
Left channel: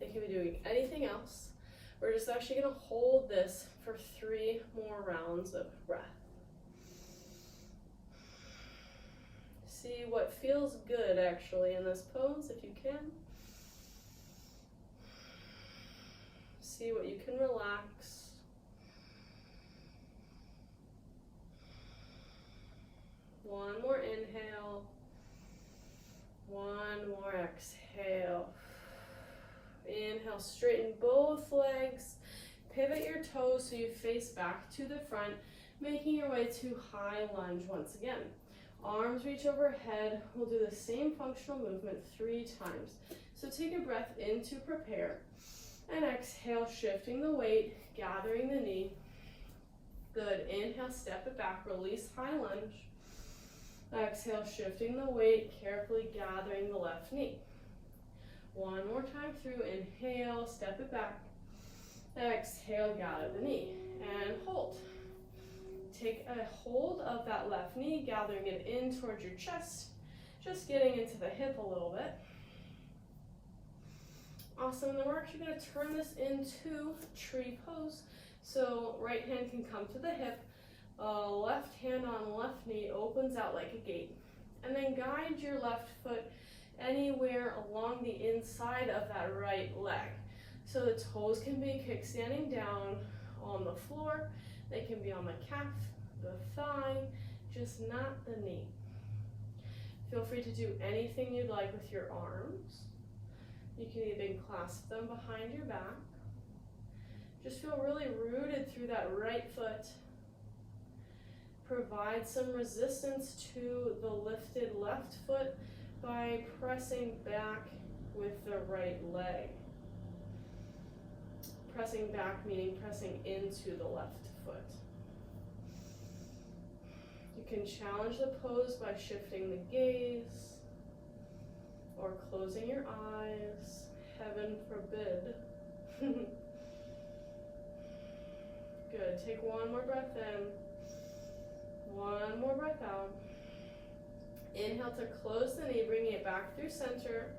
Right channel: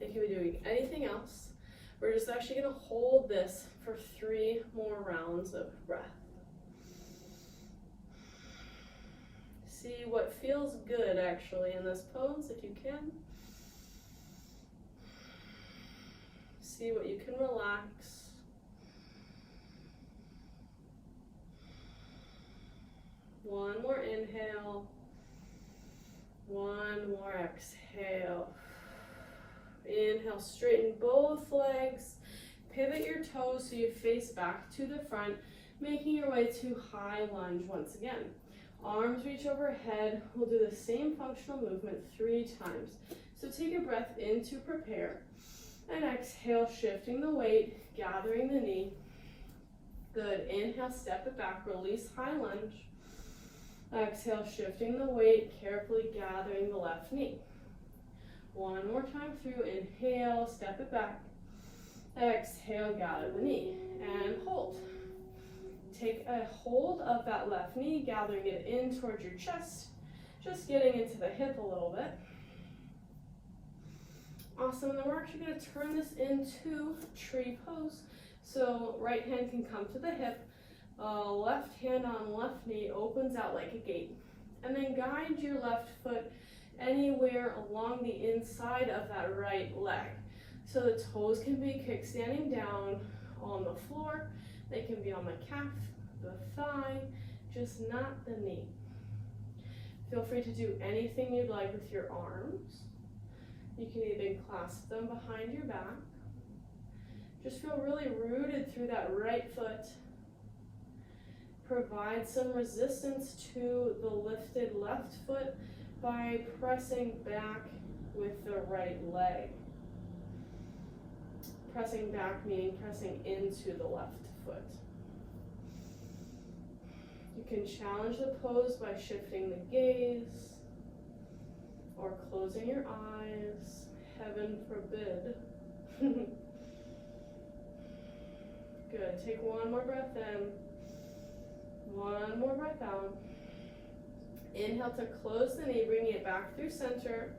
They can be doing anything else. We're just actually going to hold this for 3 more rounds of breath. See what feels good actually in this pose if you can. See what you can relax. One more inhale. One more exhale. Inhale, straighten both legs. Pivot your toes so you face back to the front, making your way to high lunge once again. Arms reach overhead. We'll do the same functional movement 3 times. So take a breath in to prepare. And exhale, shifting the weight, gathering the knee. Good. Inhale, step it back, release high lunge. Exhale, shifting the weight, carefully gathering the left knee. One more time through. Inhale, step it back. Exhale, gather the knee. And hold. Take a hold of that left knee, gathering it in towards your chest. Just getting into the hip a little bit. Awesome, and then we're actually going to turn this into tree pose. So right hand can come to the hip, left hand on left knee opens out like a gate. And then guide your left foot anywhere along the inside of that right leg. So the toes can be kickstanding down on the floor. They can be on the calf, the thigh, just not the knee. Feel free to do anything you'd like with your arms. You can even clasp them behind your back. Just feel really rooted through that right foot. Provide some resistance to the lifted left foot by pressing back with the right leg. Pressing back meaning pressing into the left foot. You can challenge the pose by shifting the gaze or closing your eyes. Heaven forbid. Good. Take one more breath in. One more breath out. Inhale to close the knee, bringing it back through center.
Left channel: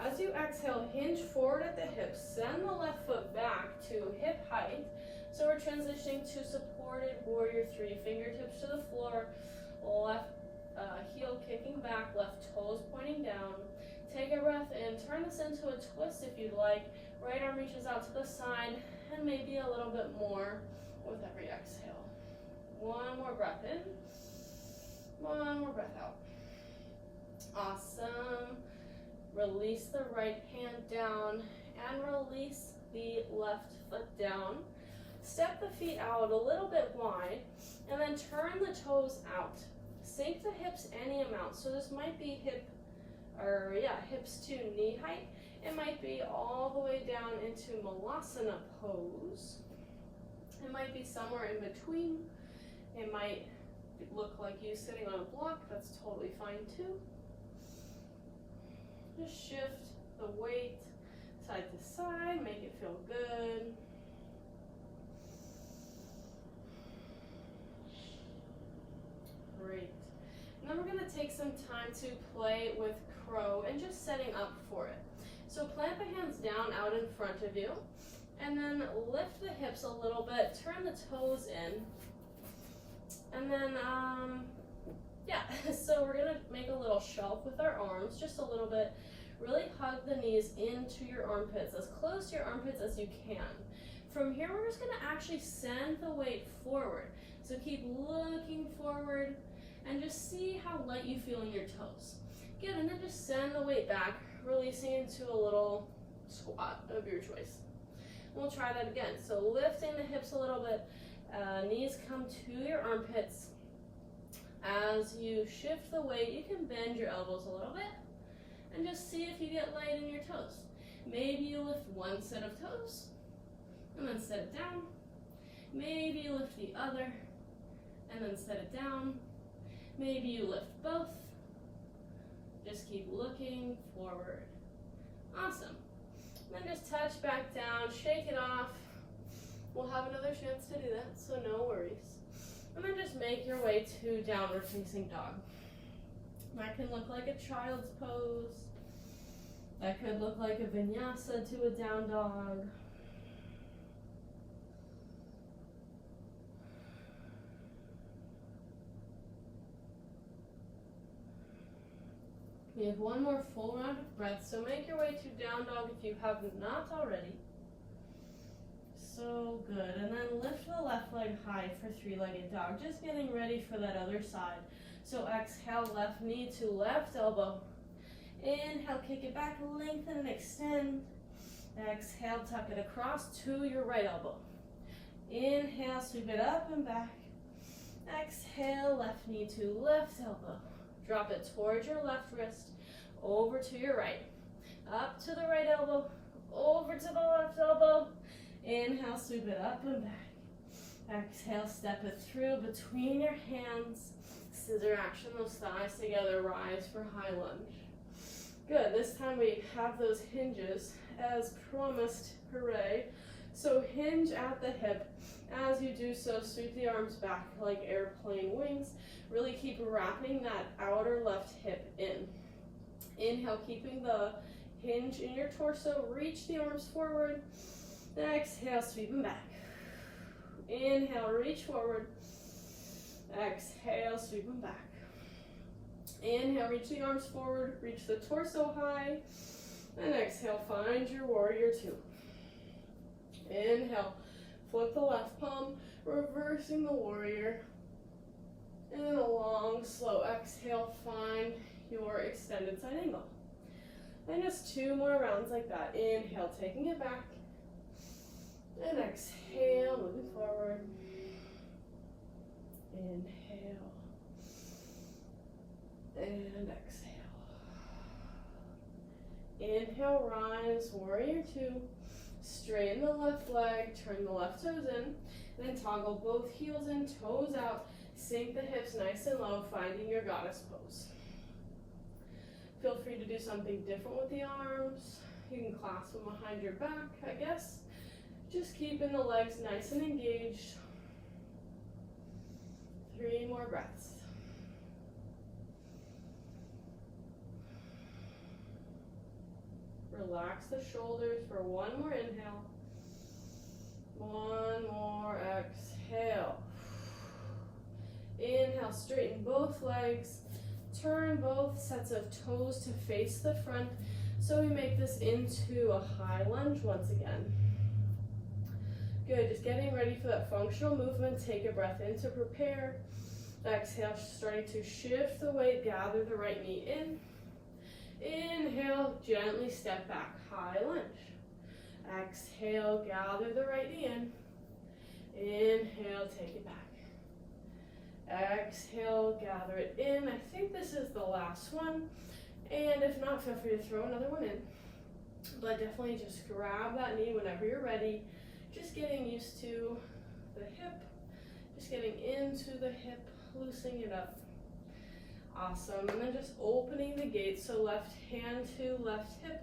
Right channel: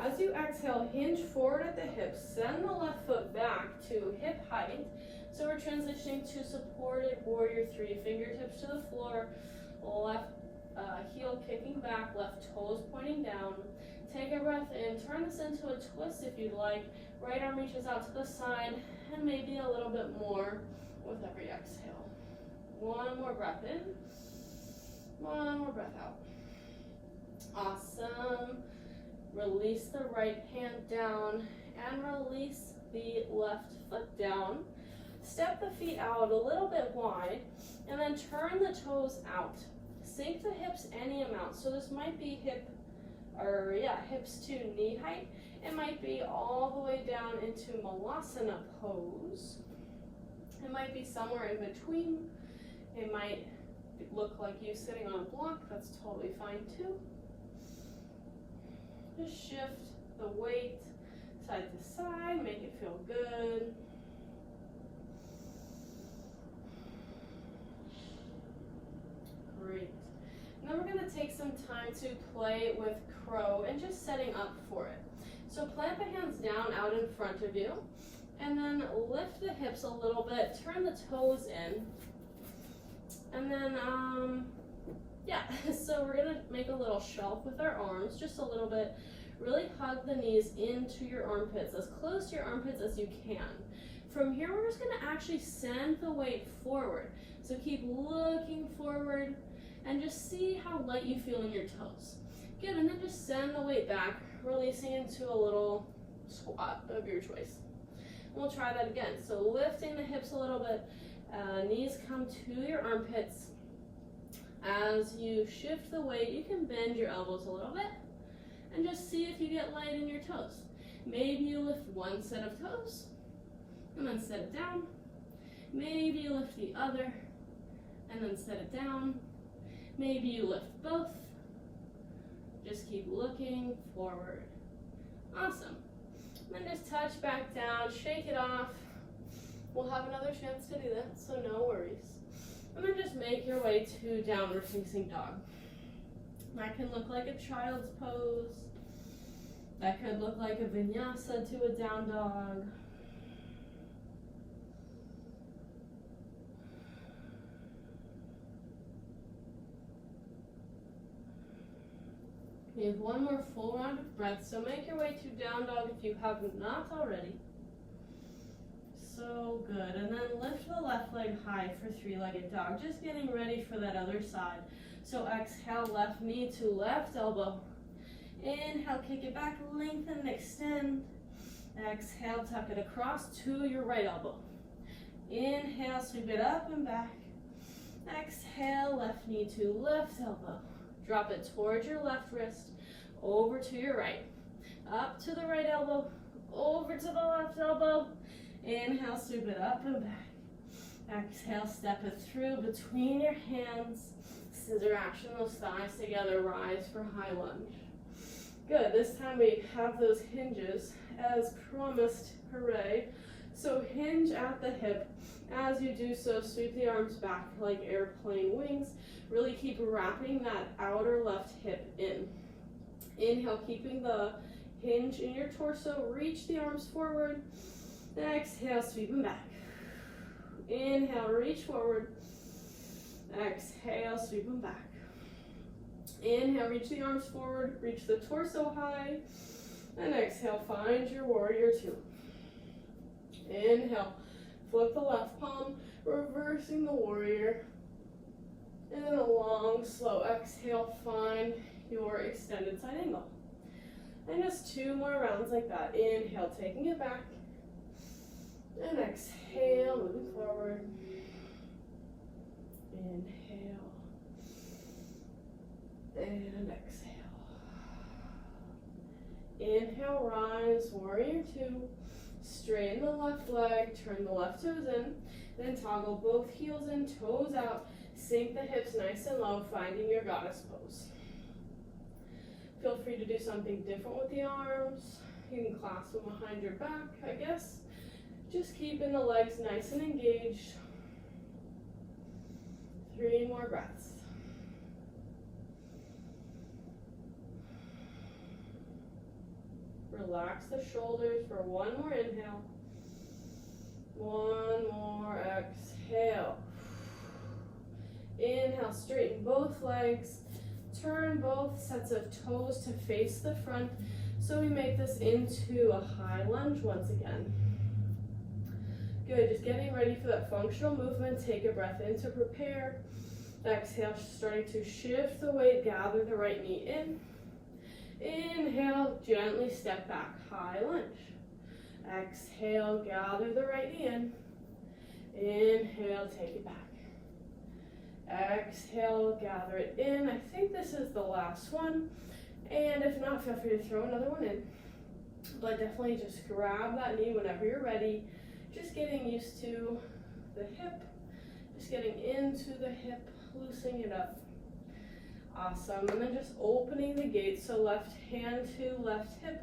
As you exhale, hinge forward at the hips. Send the left foot back to hip height. So we're transitioning to supported warrior 3, fingertips to the floor, left heel kicking back, left toes pointing down. Take a breath in, turn this into a twist if you'd like. Right arm reaches out to the side, and maybe a little bit more with every exhale. One more breath in, one more breath out. Awesome. Release the right hand down and release the left foot down. Step the feet out a little bit wide and then turn the toes out. Sink the hips any amount. So this might be hips to knee height. It might be all the way down into Malasana pose. It might be somewhere in between. It might look like you sitting on a block. That's totally fine too. Just shift the weight side to side, make it feel good. Great. Now we're going to take some time to play with crow and just setting up for it. So plant the hands down out in front of you and then lift the hips a little bit, turn the toes in, and then so we're gonna make a little shelf with our arms, just a little bit. Really hug the knees into your armpits, as close to your armpits as you can. From here, we're just gonna actually send the weight forward. So keep looking forward and just see how light you feel in your toes. Good, and then just send the weight back, releasing into a little squat of your choice. We'll try that again. So lifting the hips a little bit, knees come to your armpits. As you shift the weight, you can bend your elbows a little bit and just see if you get light in your toes. Maybe you lift one set of toes and then set it down. Maybe you lift the other and then set it down. Maybe you lift both. Just keep looking forward. Awesome. And then just touch back down, shake it off. We'll have another chance to do that, so no worries. And then just make your way to downward facing dog. That can look like a child's pose. That could look like a vinyasa to a down dog. We have one more full round of breath, so make your way to down dog if you have not already. So good, and then lift the left leg high for three-legged dog, just getting ready for that other side. So exhale, left knee to left elbow. Inhale, kick it back, lengthen and extend. Exhale, tuck it across to your right elbow. Inhale, sweep it up and back. Exhale, left knee to left elbow. Drop it towards your left wrist, over to your right. Up to the right elbow, over to the left elbow. Inhale, sweep it up and back. Exhale, step it through between your hands. Scissor action, those thighs together, rise for high lunge. Good, this time we have those hinges as promised, hooray. So hinge at the hip. As you do so, sweep the arms back like airplane wings. Really keep wrapping that outer left hip in. Inhale, keeping the hinge in your torso, reach the arms forward. Exhale, sweep them back. Inhale, reach forward. Exhale, sweep them back. Inhale, reach the arms forward, reach the torso high. And exhale, find your warrior two. Inhale, flip the left palm, reversing the warrior. And then a long, slow exhale, find your extended side angle. And just two more rounds like that. Inhale, taking it back. And exhale, moving forward. Inhale. And exhale. Inhale, rise, warrior two. Straighten the left leg, turn the left toes in. Then toggle both heels in, toes out. Sink the hips nice and low, finding your goddess pose. Feel free to do something different with the arms. You can clasp them behind your back, I guess. Just keeping the legs nice and engaged. 3 more breaths. Relax the shoulders for one more inhale. One more straighten both legs, turn both sets of toes to face the front. So we make this into a high lunge once again. Good, just getting ready for that functional movement. Take a breath in to prepare. Exhale, starting to shift the weight, gather the right knee in. Inhale, gently step back, high lunge. Exhale, gather the right knee in. Inhale, take it back. Exhale, gather it in. I think this is the last one. And if not, feel free to throw another one in. But definitely just grab that knee whenever you're ready. Just getting used to the hip. Just getting into the hip, loosening it up. Awesome. And then just opening the gate. So left hand to left hip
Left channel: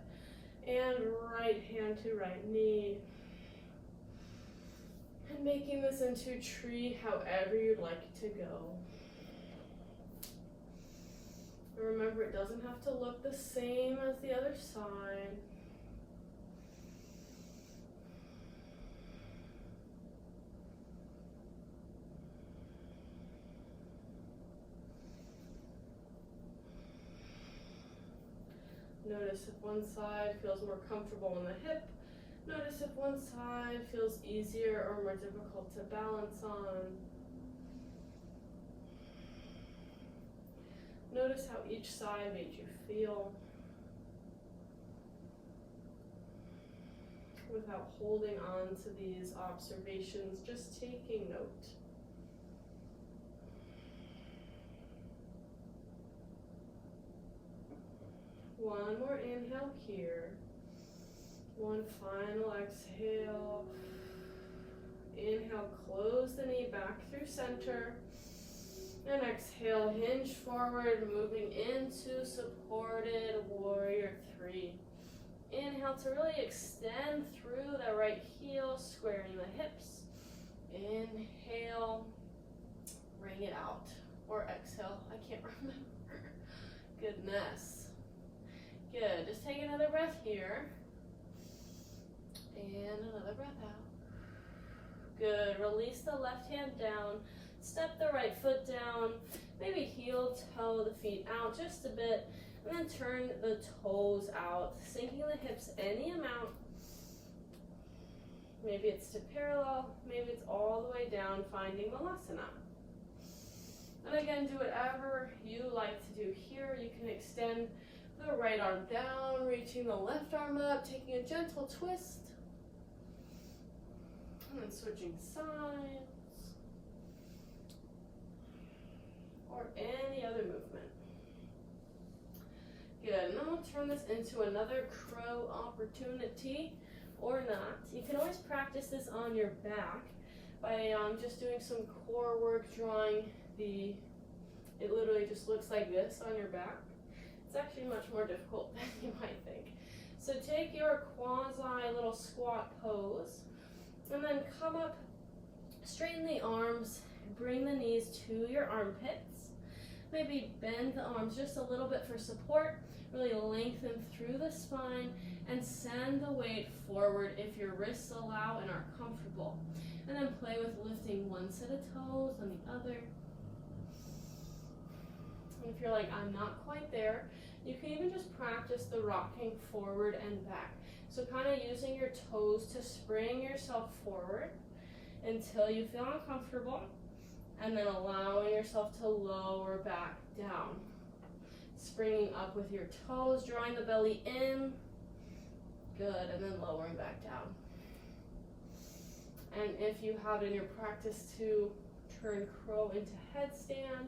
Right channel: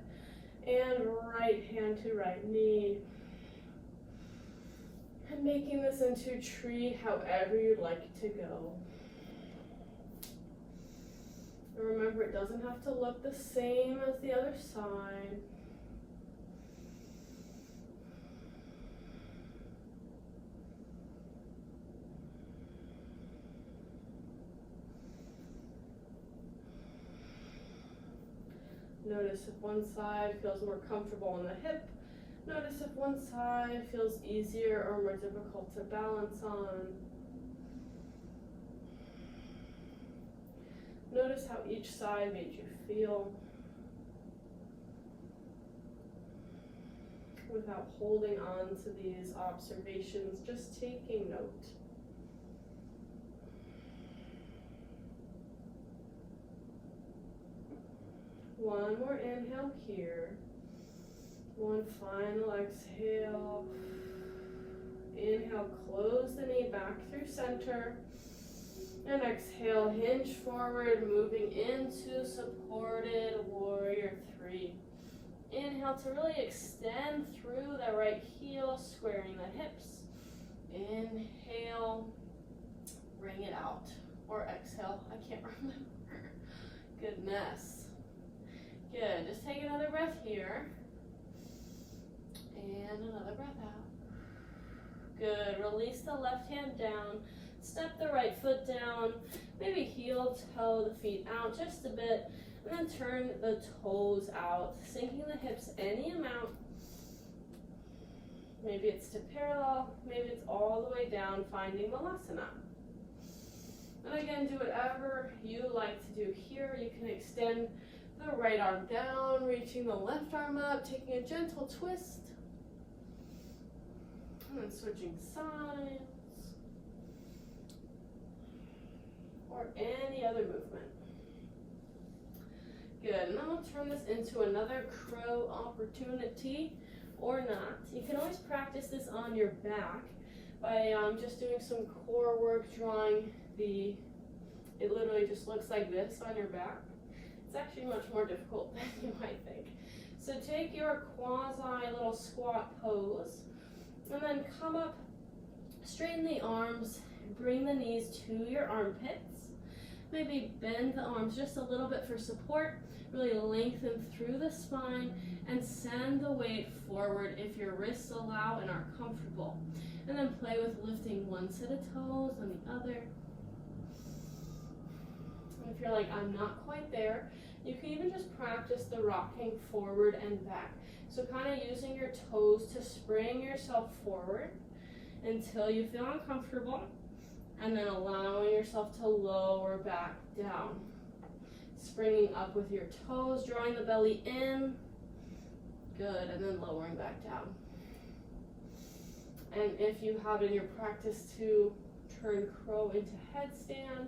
and right hand to right knee. And making this into tree however you'd like it to go. Remember, it doesn't have to look the same as the other side. Notice if one side feels more comfortable in the hip. Notice if one side feels easier or more difficult to balance on. Notice how each side made you feel without holding on to these observations, just taking note. One more inhale here. One final exhale. Inhale, close the knee back through center. And exhale, hinge forward, moving into supported warrior 3. Inhale to really extend through the right heel, squaring the hips. Inhale, bring it out. Or exhale, I can't remember. Goodness. Good, just take another breath here. And another breath out. Good, release the left hand down. Step the right foot down, maybe heel toe the feet out just a bit, and then turn the toes out, sinking the hips any amount. Maybe it's to parallel, maybe it's all the way down, finding Vinyasa. And again, do whatever you like to do here. You can extend the right arm down, reaching the left arm up, taking a gentle twist, and then switching sides. Or any other movement. Good, and then we'll turn this into another crow opportunity, or not. You can always practice this on your back by just doing some core work, drawing it literally just looks like this on your back. It's actually much more difficult than you might think. So take your quasi little squat pose, and then come up, straighten the arms, bring the knees to your armpits. Maybe bend the arms just a little bit for support, really lengthen through the spine, and send the weight forward if your wrists allow and are comfortable. And then play with lifting one set of toes and the other. And if you're like, I'm not quite there, you can even just practice the rocking forward and back. So kind of using your toes to spring yourself forward until you feel uncomfortable. And then allowing yourself to lower back down. Springing up with your toes, drawing the belly in. Good, and then lowering back down. And if you have in your practice to turn crow into headstand,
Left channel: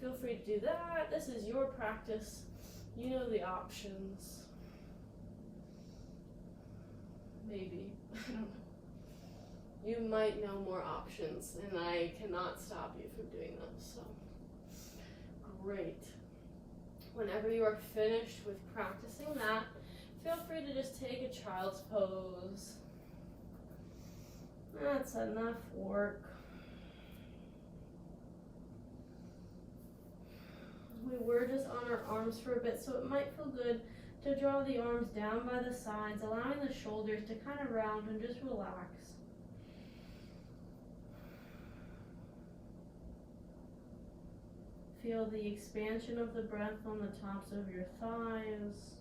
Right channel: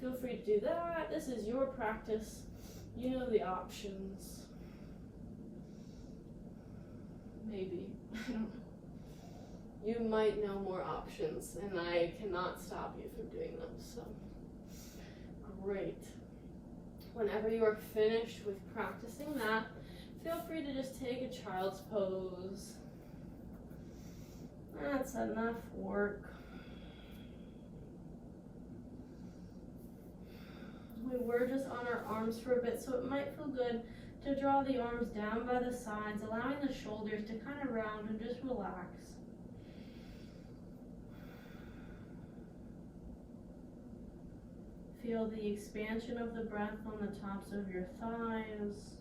feel free to do that. This is your practice. You know the options. Maybe, I don't know. You might know more options, and I cannot stop you from doing them, so great. Whenever you are finished with practicing that, feel free to just take a child's pose. That's enough work. We were just on our arms for a bit, so it might feel good to draw the arms down by the sides, allowing the shoulders to kind of round and just relax. feel the expansion of the breath on the tops of your thighs.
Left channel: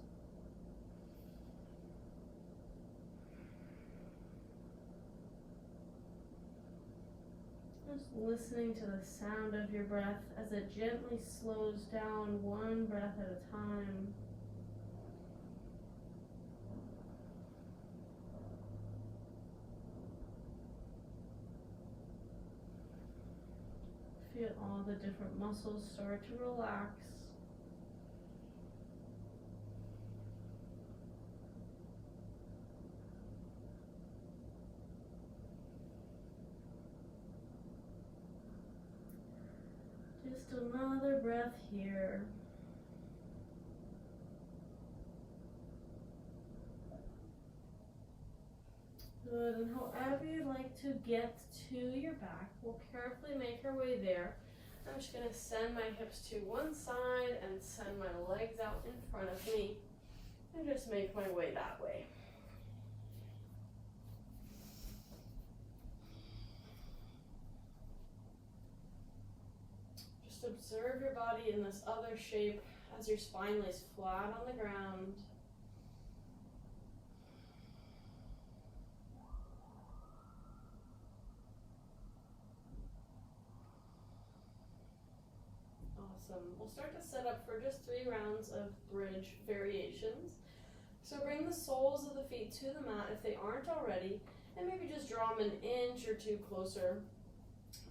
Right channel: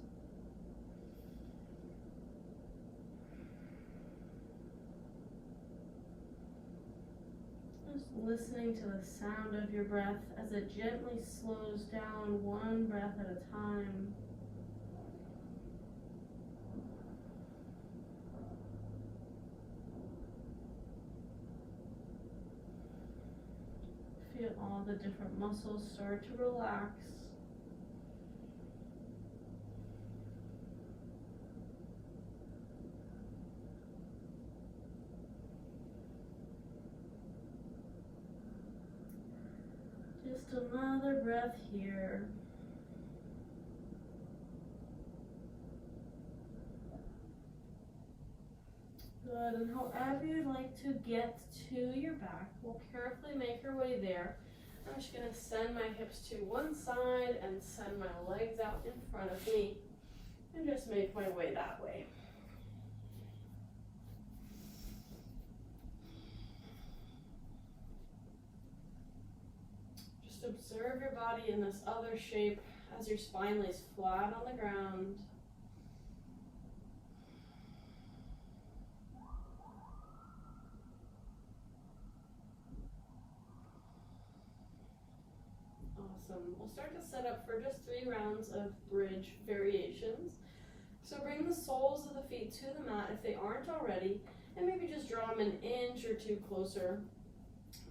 Just listening to the sound of your breath as it gently slows down one breath at a time. Feel all the different muscles start to relax. Just another breath here. Good, and however you'd like to get to your back, we'll carefully make our way there. I'm just going to send my hips to one side and send my legs out in front of me and just make my way that way. Just observe your body in this other shape as your spine lays flat on the ground. Awesome. We'll start to set up for just 3 rounds of bridge variations. So bring the soles of the feet to the mat if they aren't already, and maybe just draw them an inch or 2 closer,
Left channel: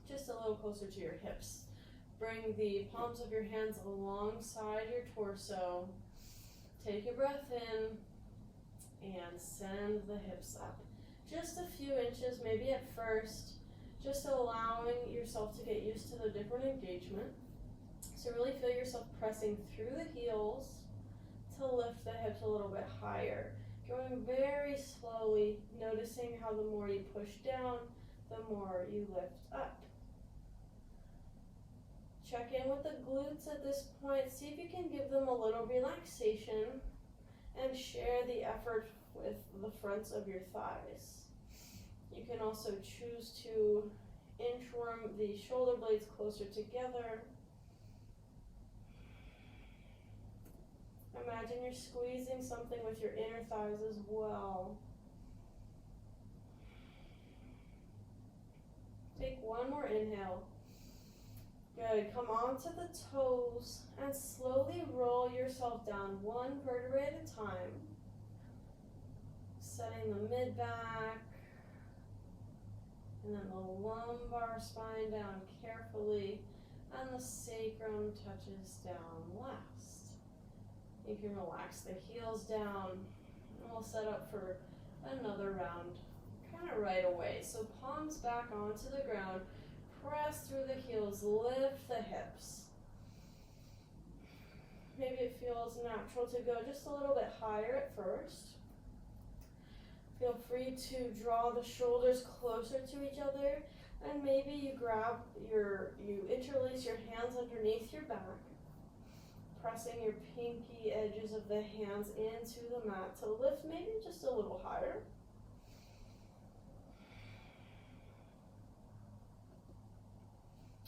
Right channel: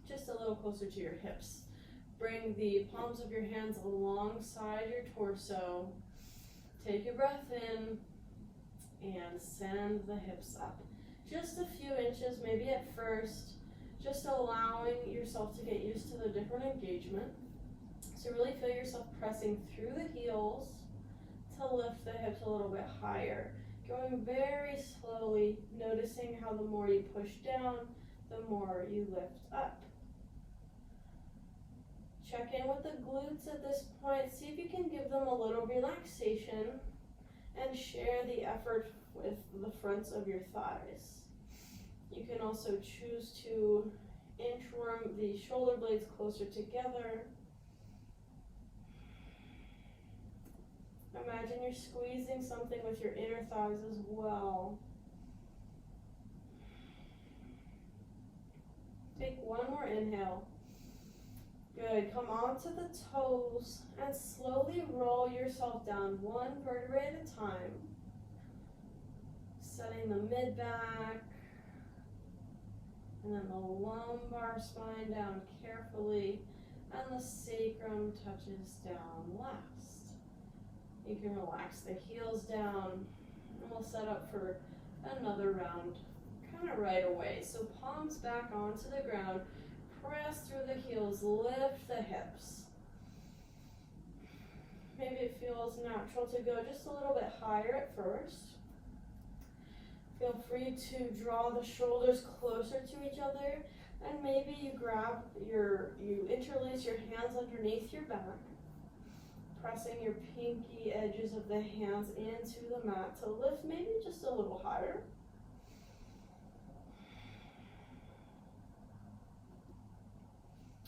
just a little closer to your hips. Bring the palms of your hands alongside your torso. Take a breath in and send the hips up. Just a few inches, maybe at first, just allowing yourself to get used to the different engagement. So really feel yourself pressing through the heels to lift the hips a little bit higher. Going very slowly, noticing how the more you push down, the more you lift up. Check in with the glutes at this point. See if you can give them a little relaxation and share the effort with the fronts of your thighs. You can also choose to inchworm the shoulder blades closer together. Imagine you're squeezing something with your inner thighs as well. Take one more inhale. Good. Come onto the toes and slowly roll yourself down one vertebrae at a time. Setting the mid back and then the lumbar spine down carefully, and the sacrum touches down last. You can relax the heels down, and we'll set up for another round kind of right away. So palms back onto the ground, press through the heels, lift the hips. Maybe it feels natural to go just a little bit higher at first. Feel free to draw the shoulders closer to each other, and maybe you interlace your hands underneath your back, pressing your pinky edges of the hands into the mat to lift maybe just a little higher.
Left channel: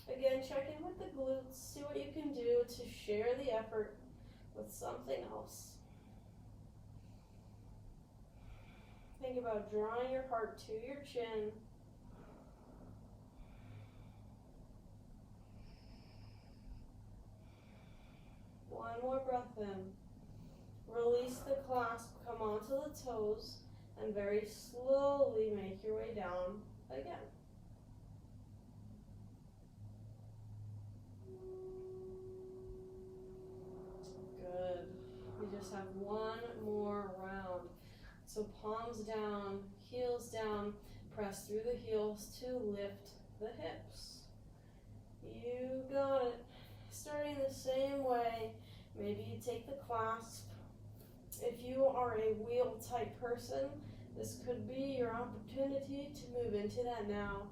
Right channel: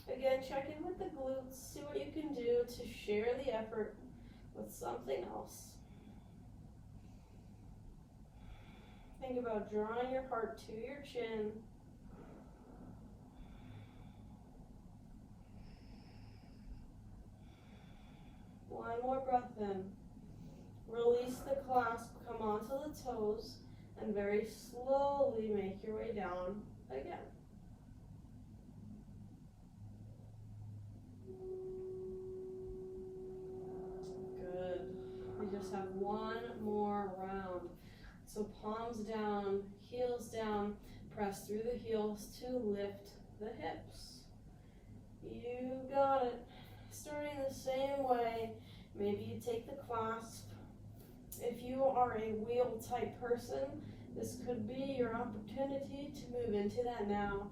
Again, check in with the glutes, see what you can do to share the effort with something else. Think about drawing your heart to your chin. One more breath in. Release the clasp, come onto the toes, and very slowly make your way down again. Good. We just have one more round. So palms down, heels down, press through the heels to lift the hips. You got it. Starting the same way, maybe you take the clasp. If you are a wheel type person, this could be your opportunity to move into that now,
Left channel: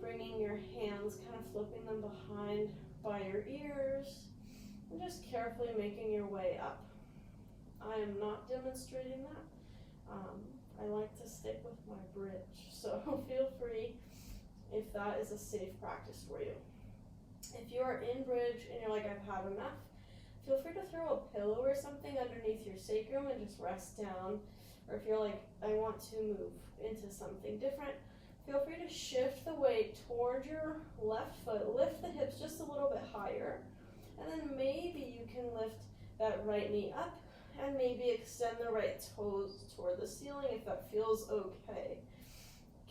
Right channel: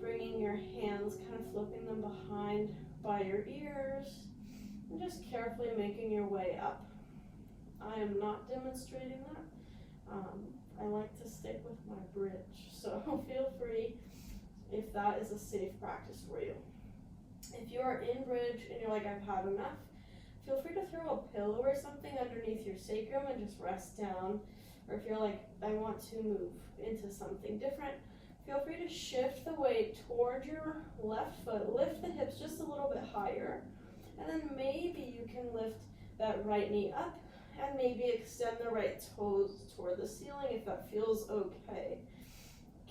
bringing your hands, kind of flipping them behind by your ears, and just carefully making your way up. I am not demonstrating that. I like to stick with my bridge, so feel free if that is a safe practice for you. If you are in bridge and you're like, I've had enough, feel free to throw a pillow or something underneath your sacrum and just rest down. Or if you're like, I want to move into something different, feel free to shift the weight toward your left foot, lift the hips just a little bit higher, and then maybe you can lift that right knee up and maybe extend the right toes toward the ceiling if that feels okay.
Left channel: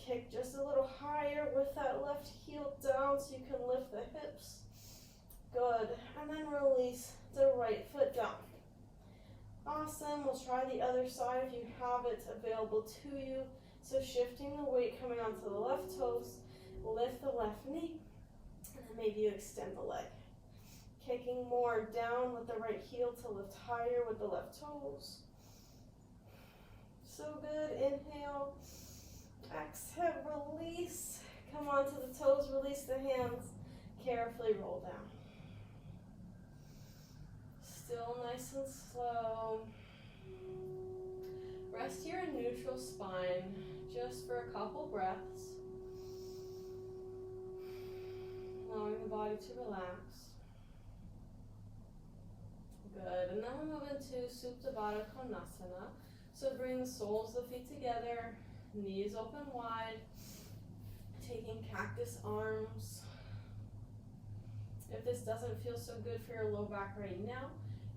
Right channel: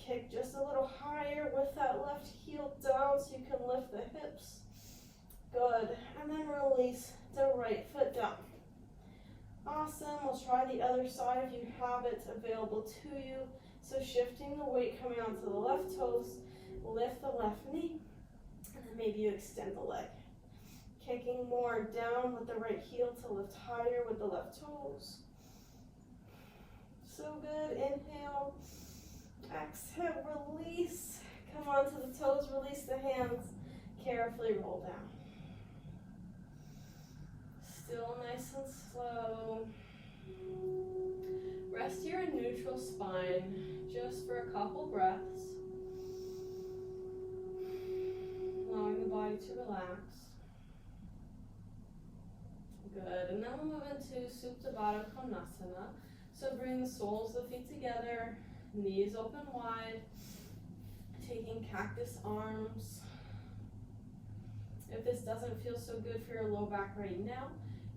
Kick just a little higher with that left heel down so you can lift the hips. Good. And then release the right foot down. Awesome. We'll try the other side if you have it available to you. So shifting the weight coming onto the left toes, lift the left knee, and then maybe you extend the leg. Kicking more down with the right heel to lift higher with the left toes. So good. Inhale. Exhale, release. Come onto the toes, release the hands. Carefully roll down. Still nice and slow. Rest here in neutral spine just for a couple breaths. Allowing the body to relax. Good. And then we'll move into Supta Baddha Konasana. So bring the soles of the feet together. Knees open wide, taking cactus arms. If this doesn't feel so good for your low back right now,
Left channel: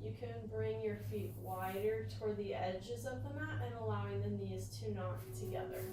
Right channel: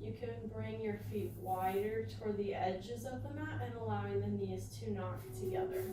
you can bring your feet wider toward the edges of the mat and allowing the knees to knock together.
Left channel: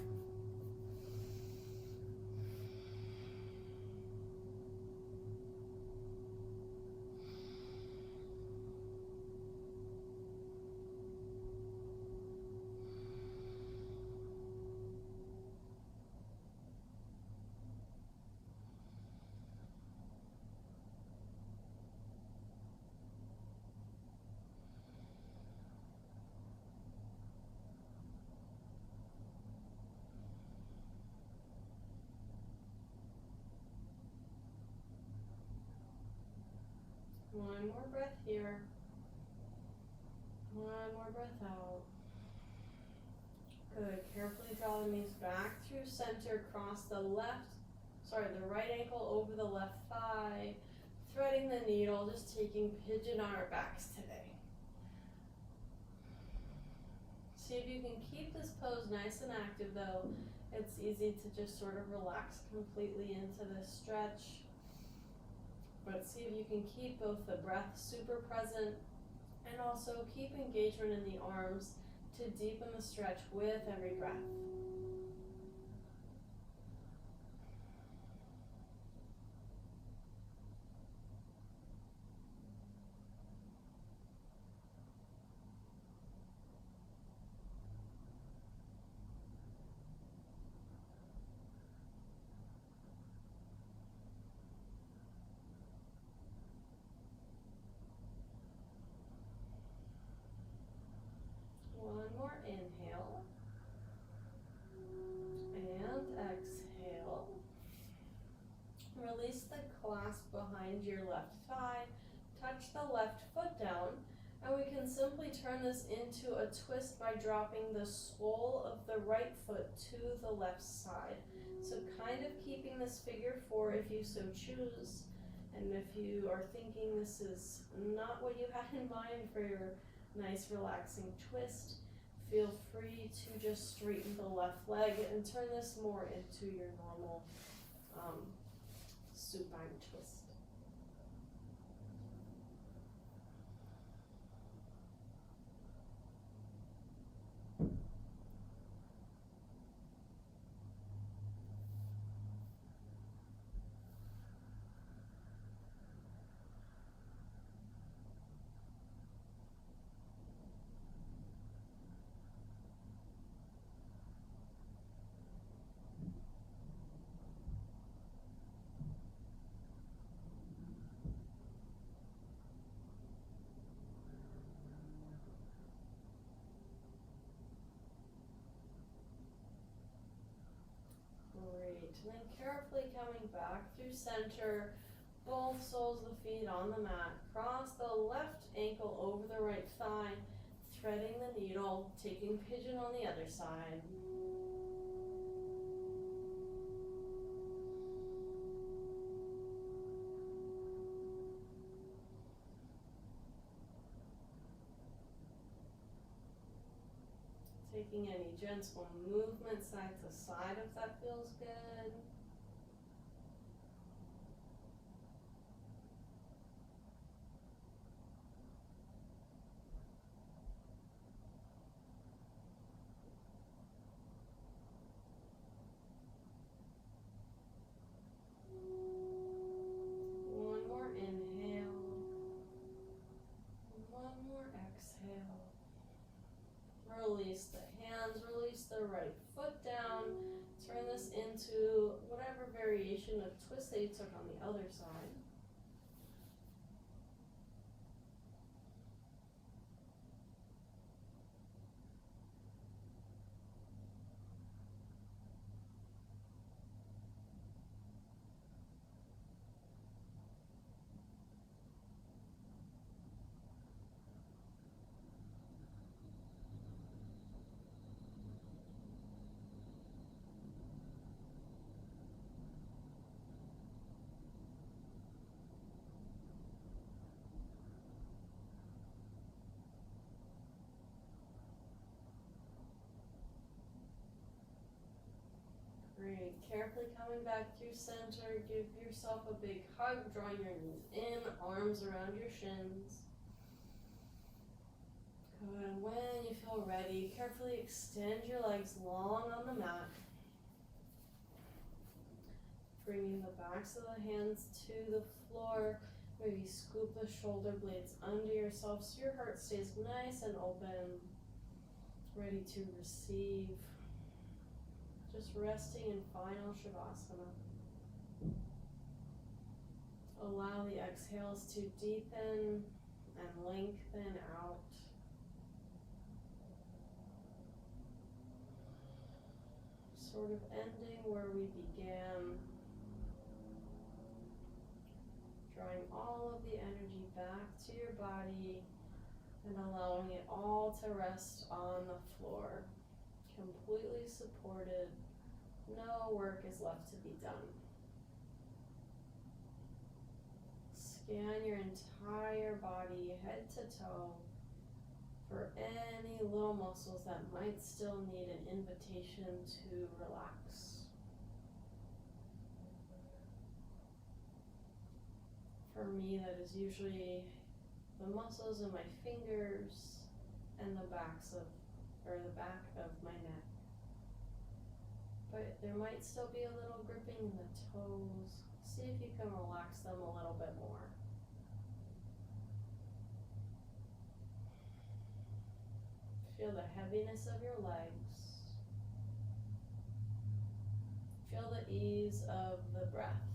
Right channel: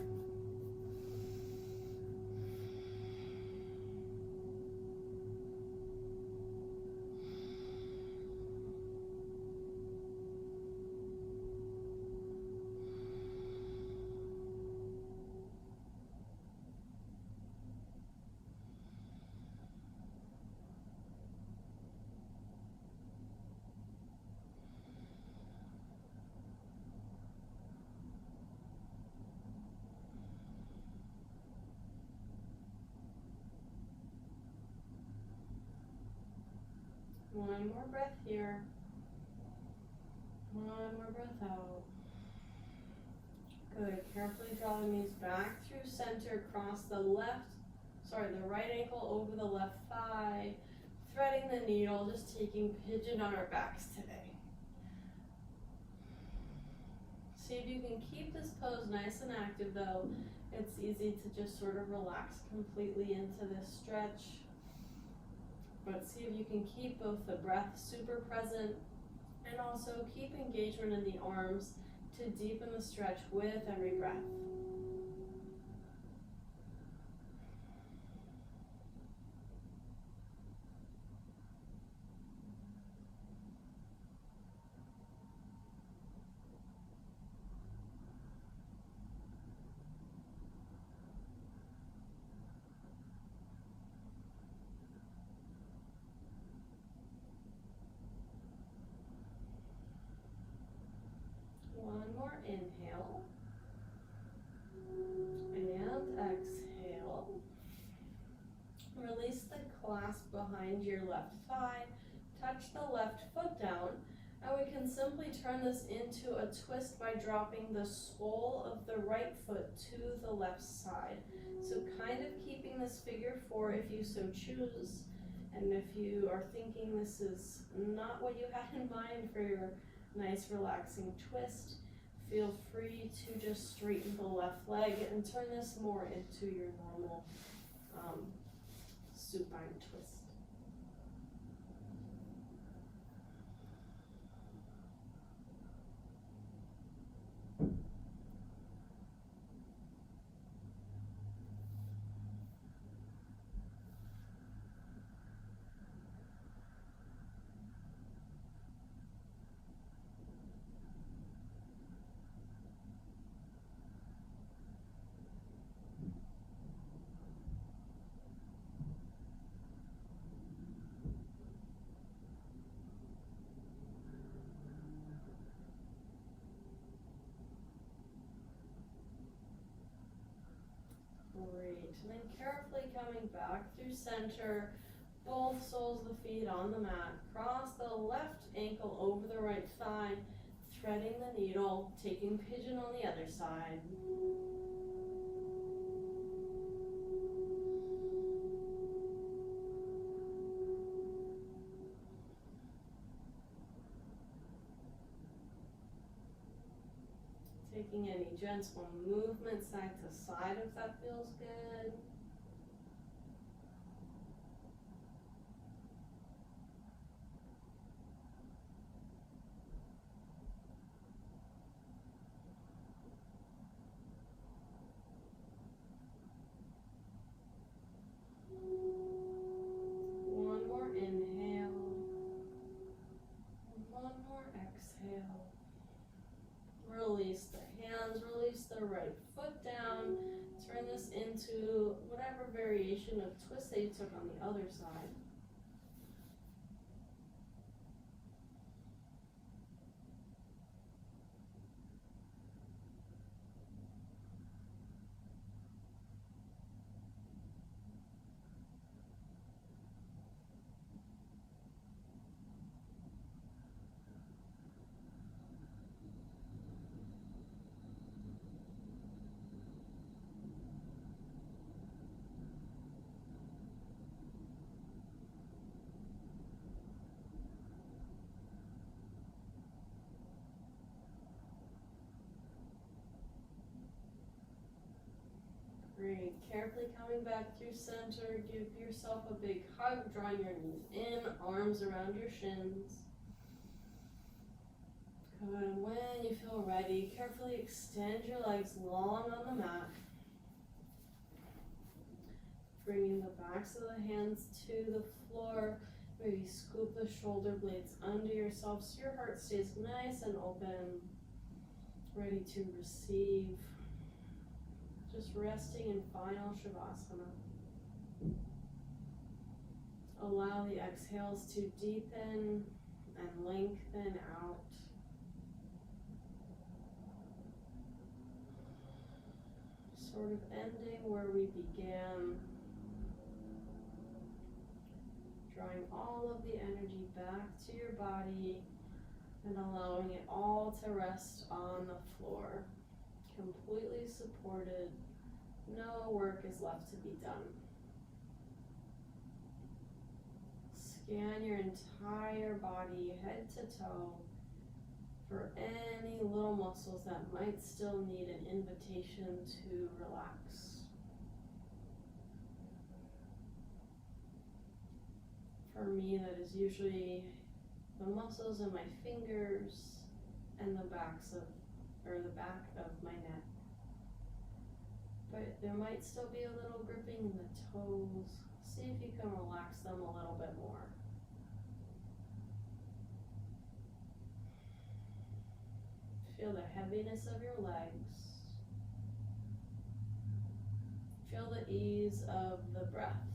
One more breath here. One more breath out. Good. Carefully draw the knees back through center. Cross the right ankle over the left thigh. Threading the needle, just taking pigeon on our backs today. See if you can keep this pose nice and active though. It's easy to just sort of relax completely into this stretch. But see if you can keep both the breath super present and also keep engagement in the arms to deepen the stretch with every breath. One more inhale, and exhale. Release the clasp behind your left thigh, touch the left foot down, and we can simply turn this into a twist by dropping the sole of the right foot to the left side. So kind of keeping this figure four if you so choose, and if you are thinking this is not what you had in mind for your nice relaxing twist, feel free to just straighten the left leg and turn this more into your normal supine twist. Great, and then carefully coming back through center, both soles of the feet on the mat, cross the left ankle over the right thigh, threading the needle, taking pigeon on the other side. making any gentle movement side to side if that feels good. One more inhale. One more exhale. Release the hands, release the right foot down. Turn this into whatever variation of twist that you took on the other side. Great. Carefully coming back through center. Give yourself a big hug. Drawing your knees in, arms around your shins. Good. When you feel ready, carefully extend your legs long on the mat. Bringing the backs of the hands to the floor. Maybe scoop the shoulder blades under yourself so your heart stays nice and open. Ready to receive. Just resting in final Shavasana. Allow the exhales to deepen and lengthen out. Sort of ending where we began. Drawing all of the energy back to your body and allowing it all to rest on the floor. Completely supported. No work is left to be done. Scan your entire body, head to toe, for any little muscles that might still need an invitation to relax. For me, that is usually the muscles in my fingers and the back of my neck. But there might still be a little gripping in the toes. See if you can relax them a little bit more. Feel the heaviness of your legs. Feel the ease of the breath.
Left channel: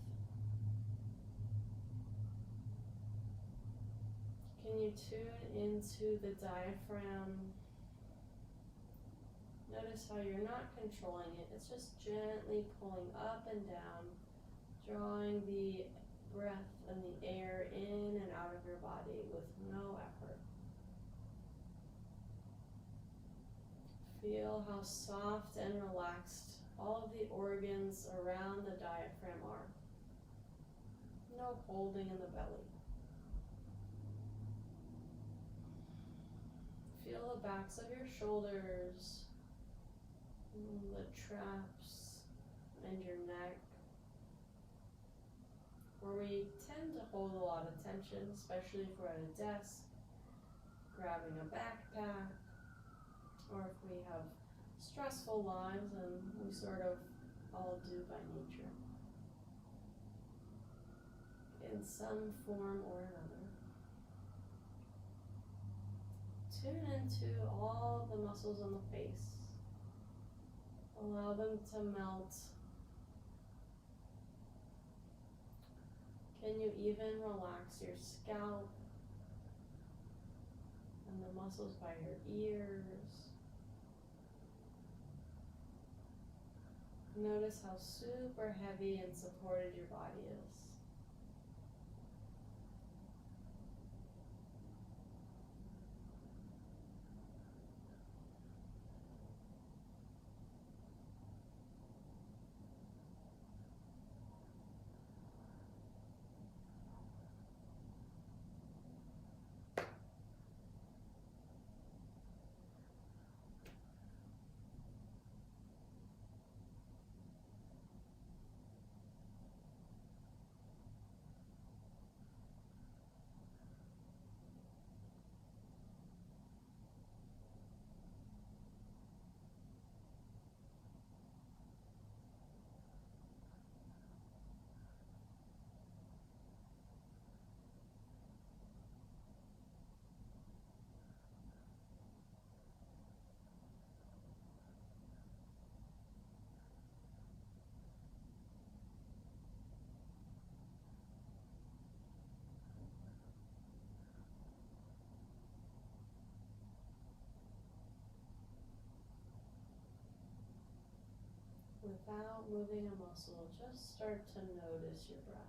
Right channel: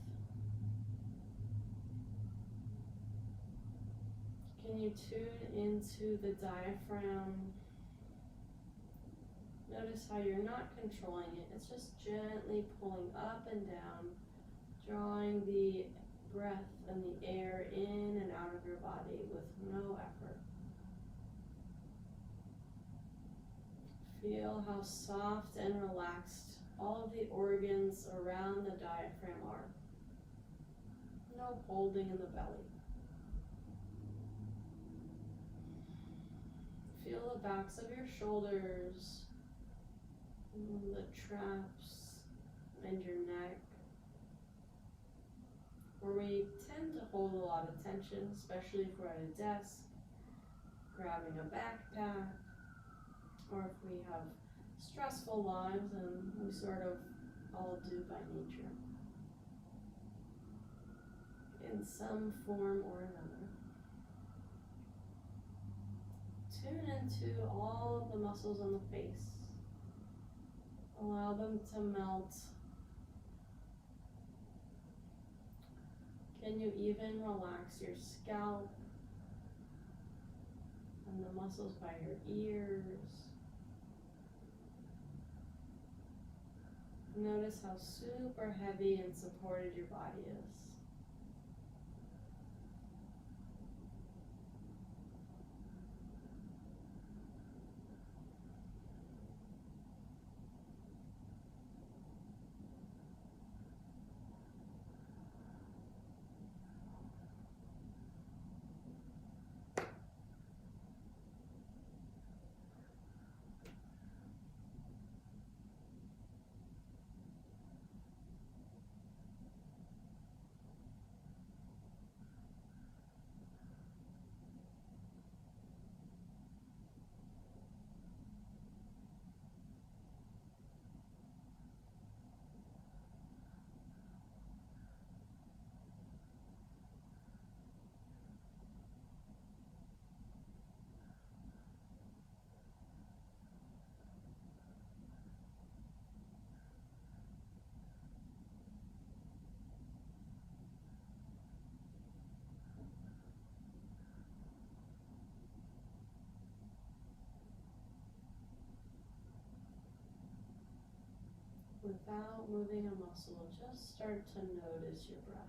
Can you tune into the diaphragm? Notice how you're not controlling it. It's just gently pulling up and down, drawing the breath and the air in and out of your body with no effort. Feel how soft and relaxed all of the organs around the diaphragm are. No holding in the belly. Feel the backs of your shoulders, the traps, and your neck, where we tend to hold a lot of tension, especially if we're at a desk, grabbing a backpack, or if we have stressful lives, and we sort of all do by nature, in some form or another. Tune into all of the muscles on the face. Allow them to melt. Can you even relax your scalp and the muscles by your ears? Notice how super heavy and supported your body is. without moving a muscle. Just start to notice your breath.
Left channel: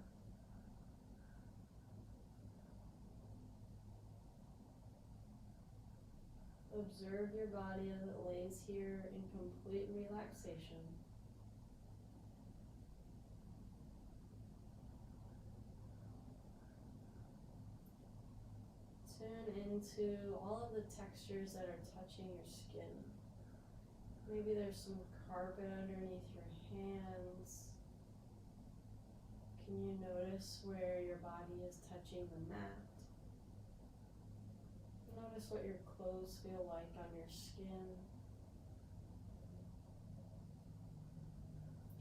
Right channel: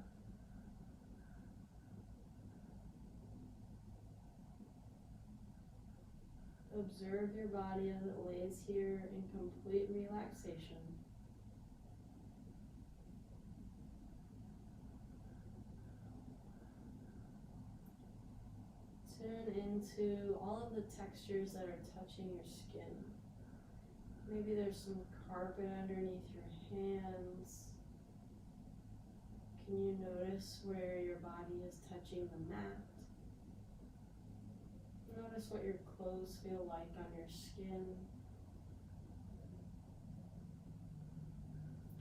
Observe your body as it lays here in complete relaxation. Tune into all of the textures that are touching your skin. Maybe there's some carpet underneath your hands. Can you notice where your body is touching the mat? Notice what your clothes feel like on your skin.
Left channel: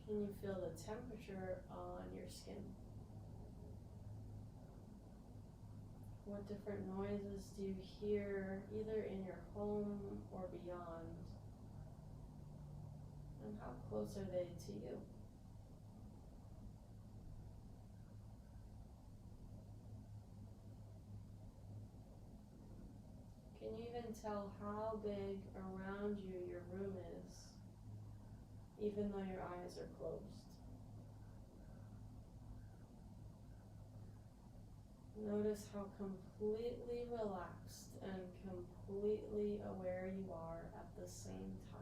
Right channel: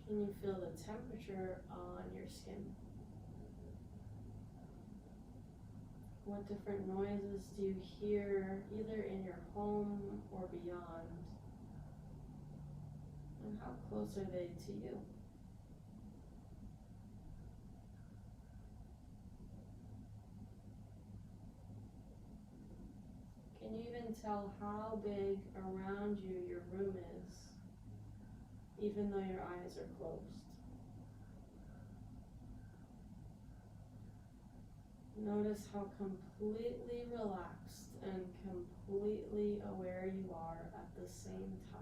Can you feel the temperature on your skin? What different noises do you hear either in your home or beyond? And how close are they to you? Can you even tell how big around you your room is, even though your eyes are closed? Notice how completely relaxed and completely aware you are at the same time.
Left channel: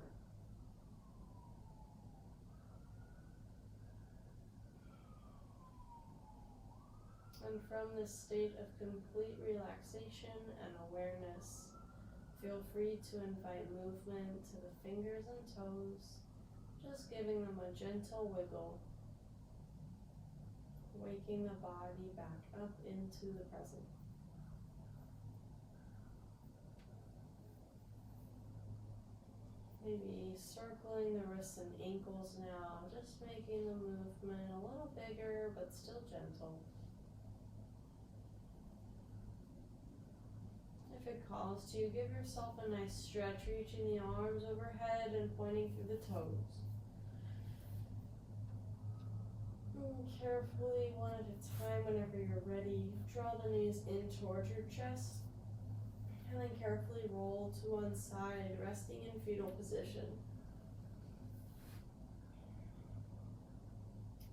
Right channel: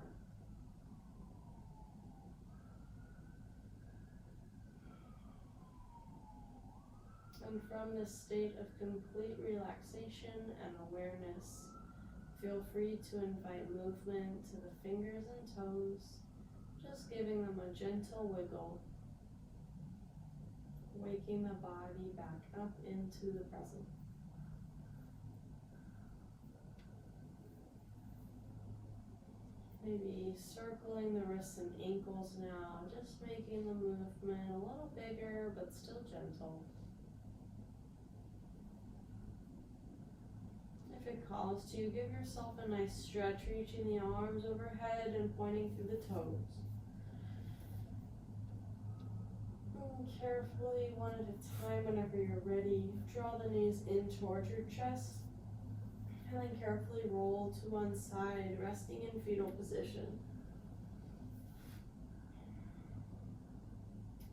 And from this state of complete relaxation and awareness, feel free to invite movement to the fingers and toes, just giving them a gentle wiggle, waking the body back up into the present. Maybe circling the wrists and ankles now, just making the movement a little bigger but still gentle. If it calls to you, give yourself a nice stretch, reaching the arms overhead and pointing through the toes. And carefully, one at a time, whenever you're ready, draw the knees in towards your chest, and then carefully roll to one side, resting in fetal position.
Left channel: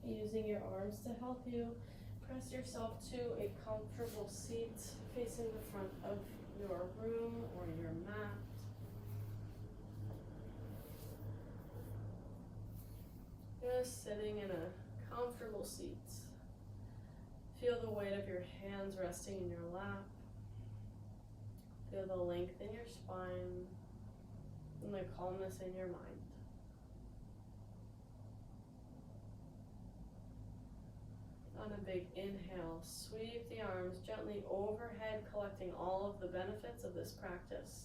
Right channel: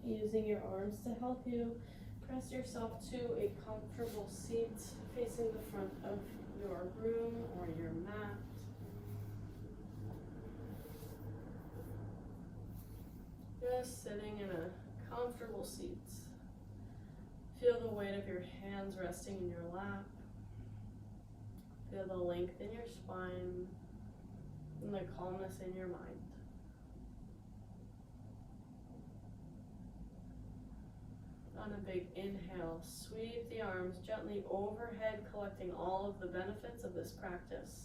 Using your arms to help you, press yourself to a comfortable seat facing the front of your room or your mat. Just sitting in a comfortable seat. Feel the weight of your hands resting in your lap. Feel the length in your spine and the calmness in your mind. On a big inhale, sweep the arms gently overhead, collecting all of the benefits of this practice.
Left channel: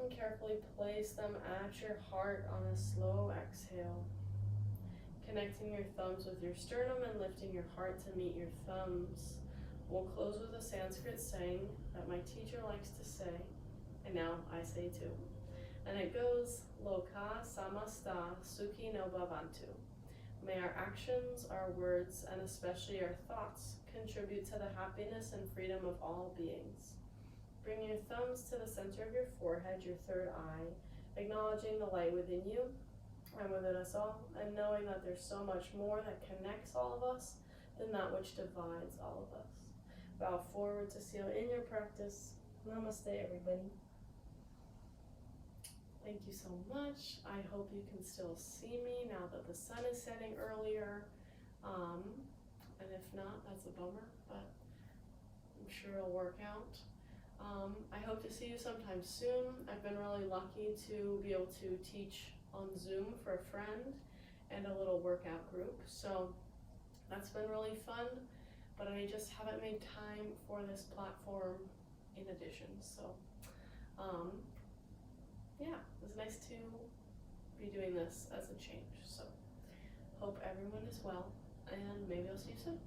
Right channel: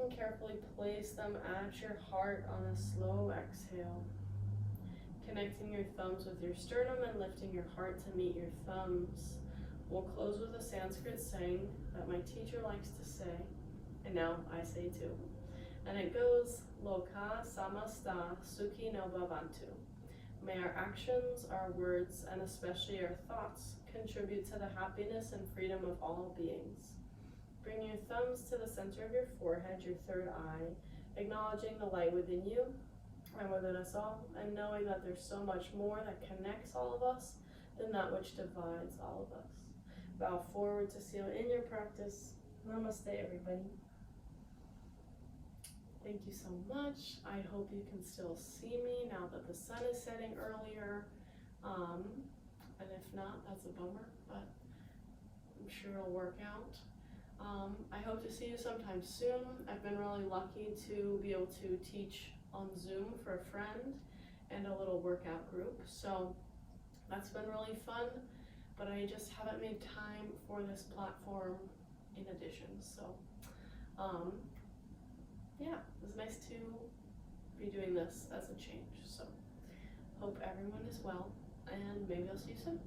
And carefully place them at your heart on a slow exhale. Connecting your thumbs with your sternum and lifting your heart to meet your thumbs. We'll close with a Sanskrit saying that my teacher likes to say, and now I say too. And it goes, Loka samasta sukhi no bhavantu. May our actions, our words, and especially our thoughts contribute to the happiness and freedom of all beings. Bring your thumbs to the center of your forehead, your third eye, acknowledging the light within you and within us all, and knowing that there's so much more that connects all of us than that which divides all of us. Bow forward to seal in your practice. Namaste, everybody. Thank you so much. I hope you can still see me now that the sun is setting earlier. And if not, that's a bummer, but I'm sure it'll work out. I hope to see you sometime soon. I've been really lucky to be able to teach on Zoom for a friend and a little workout group. So that's been really fun, but I just haven't made time for this platform in addition. So yeah, it was nice to be doing this as a change. So hope everyone is well, and maybe I'll see you soon.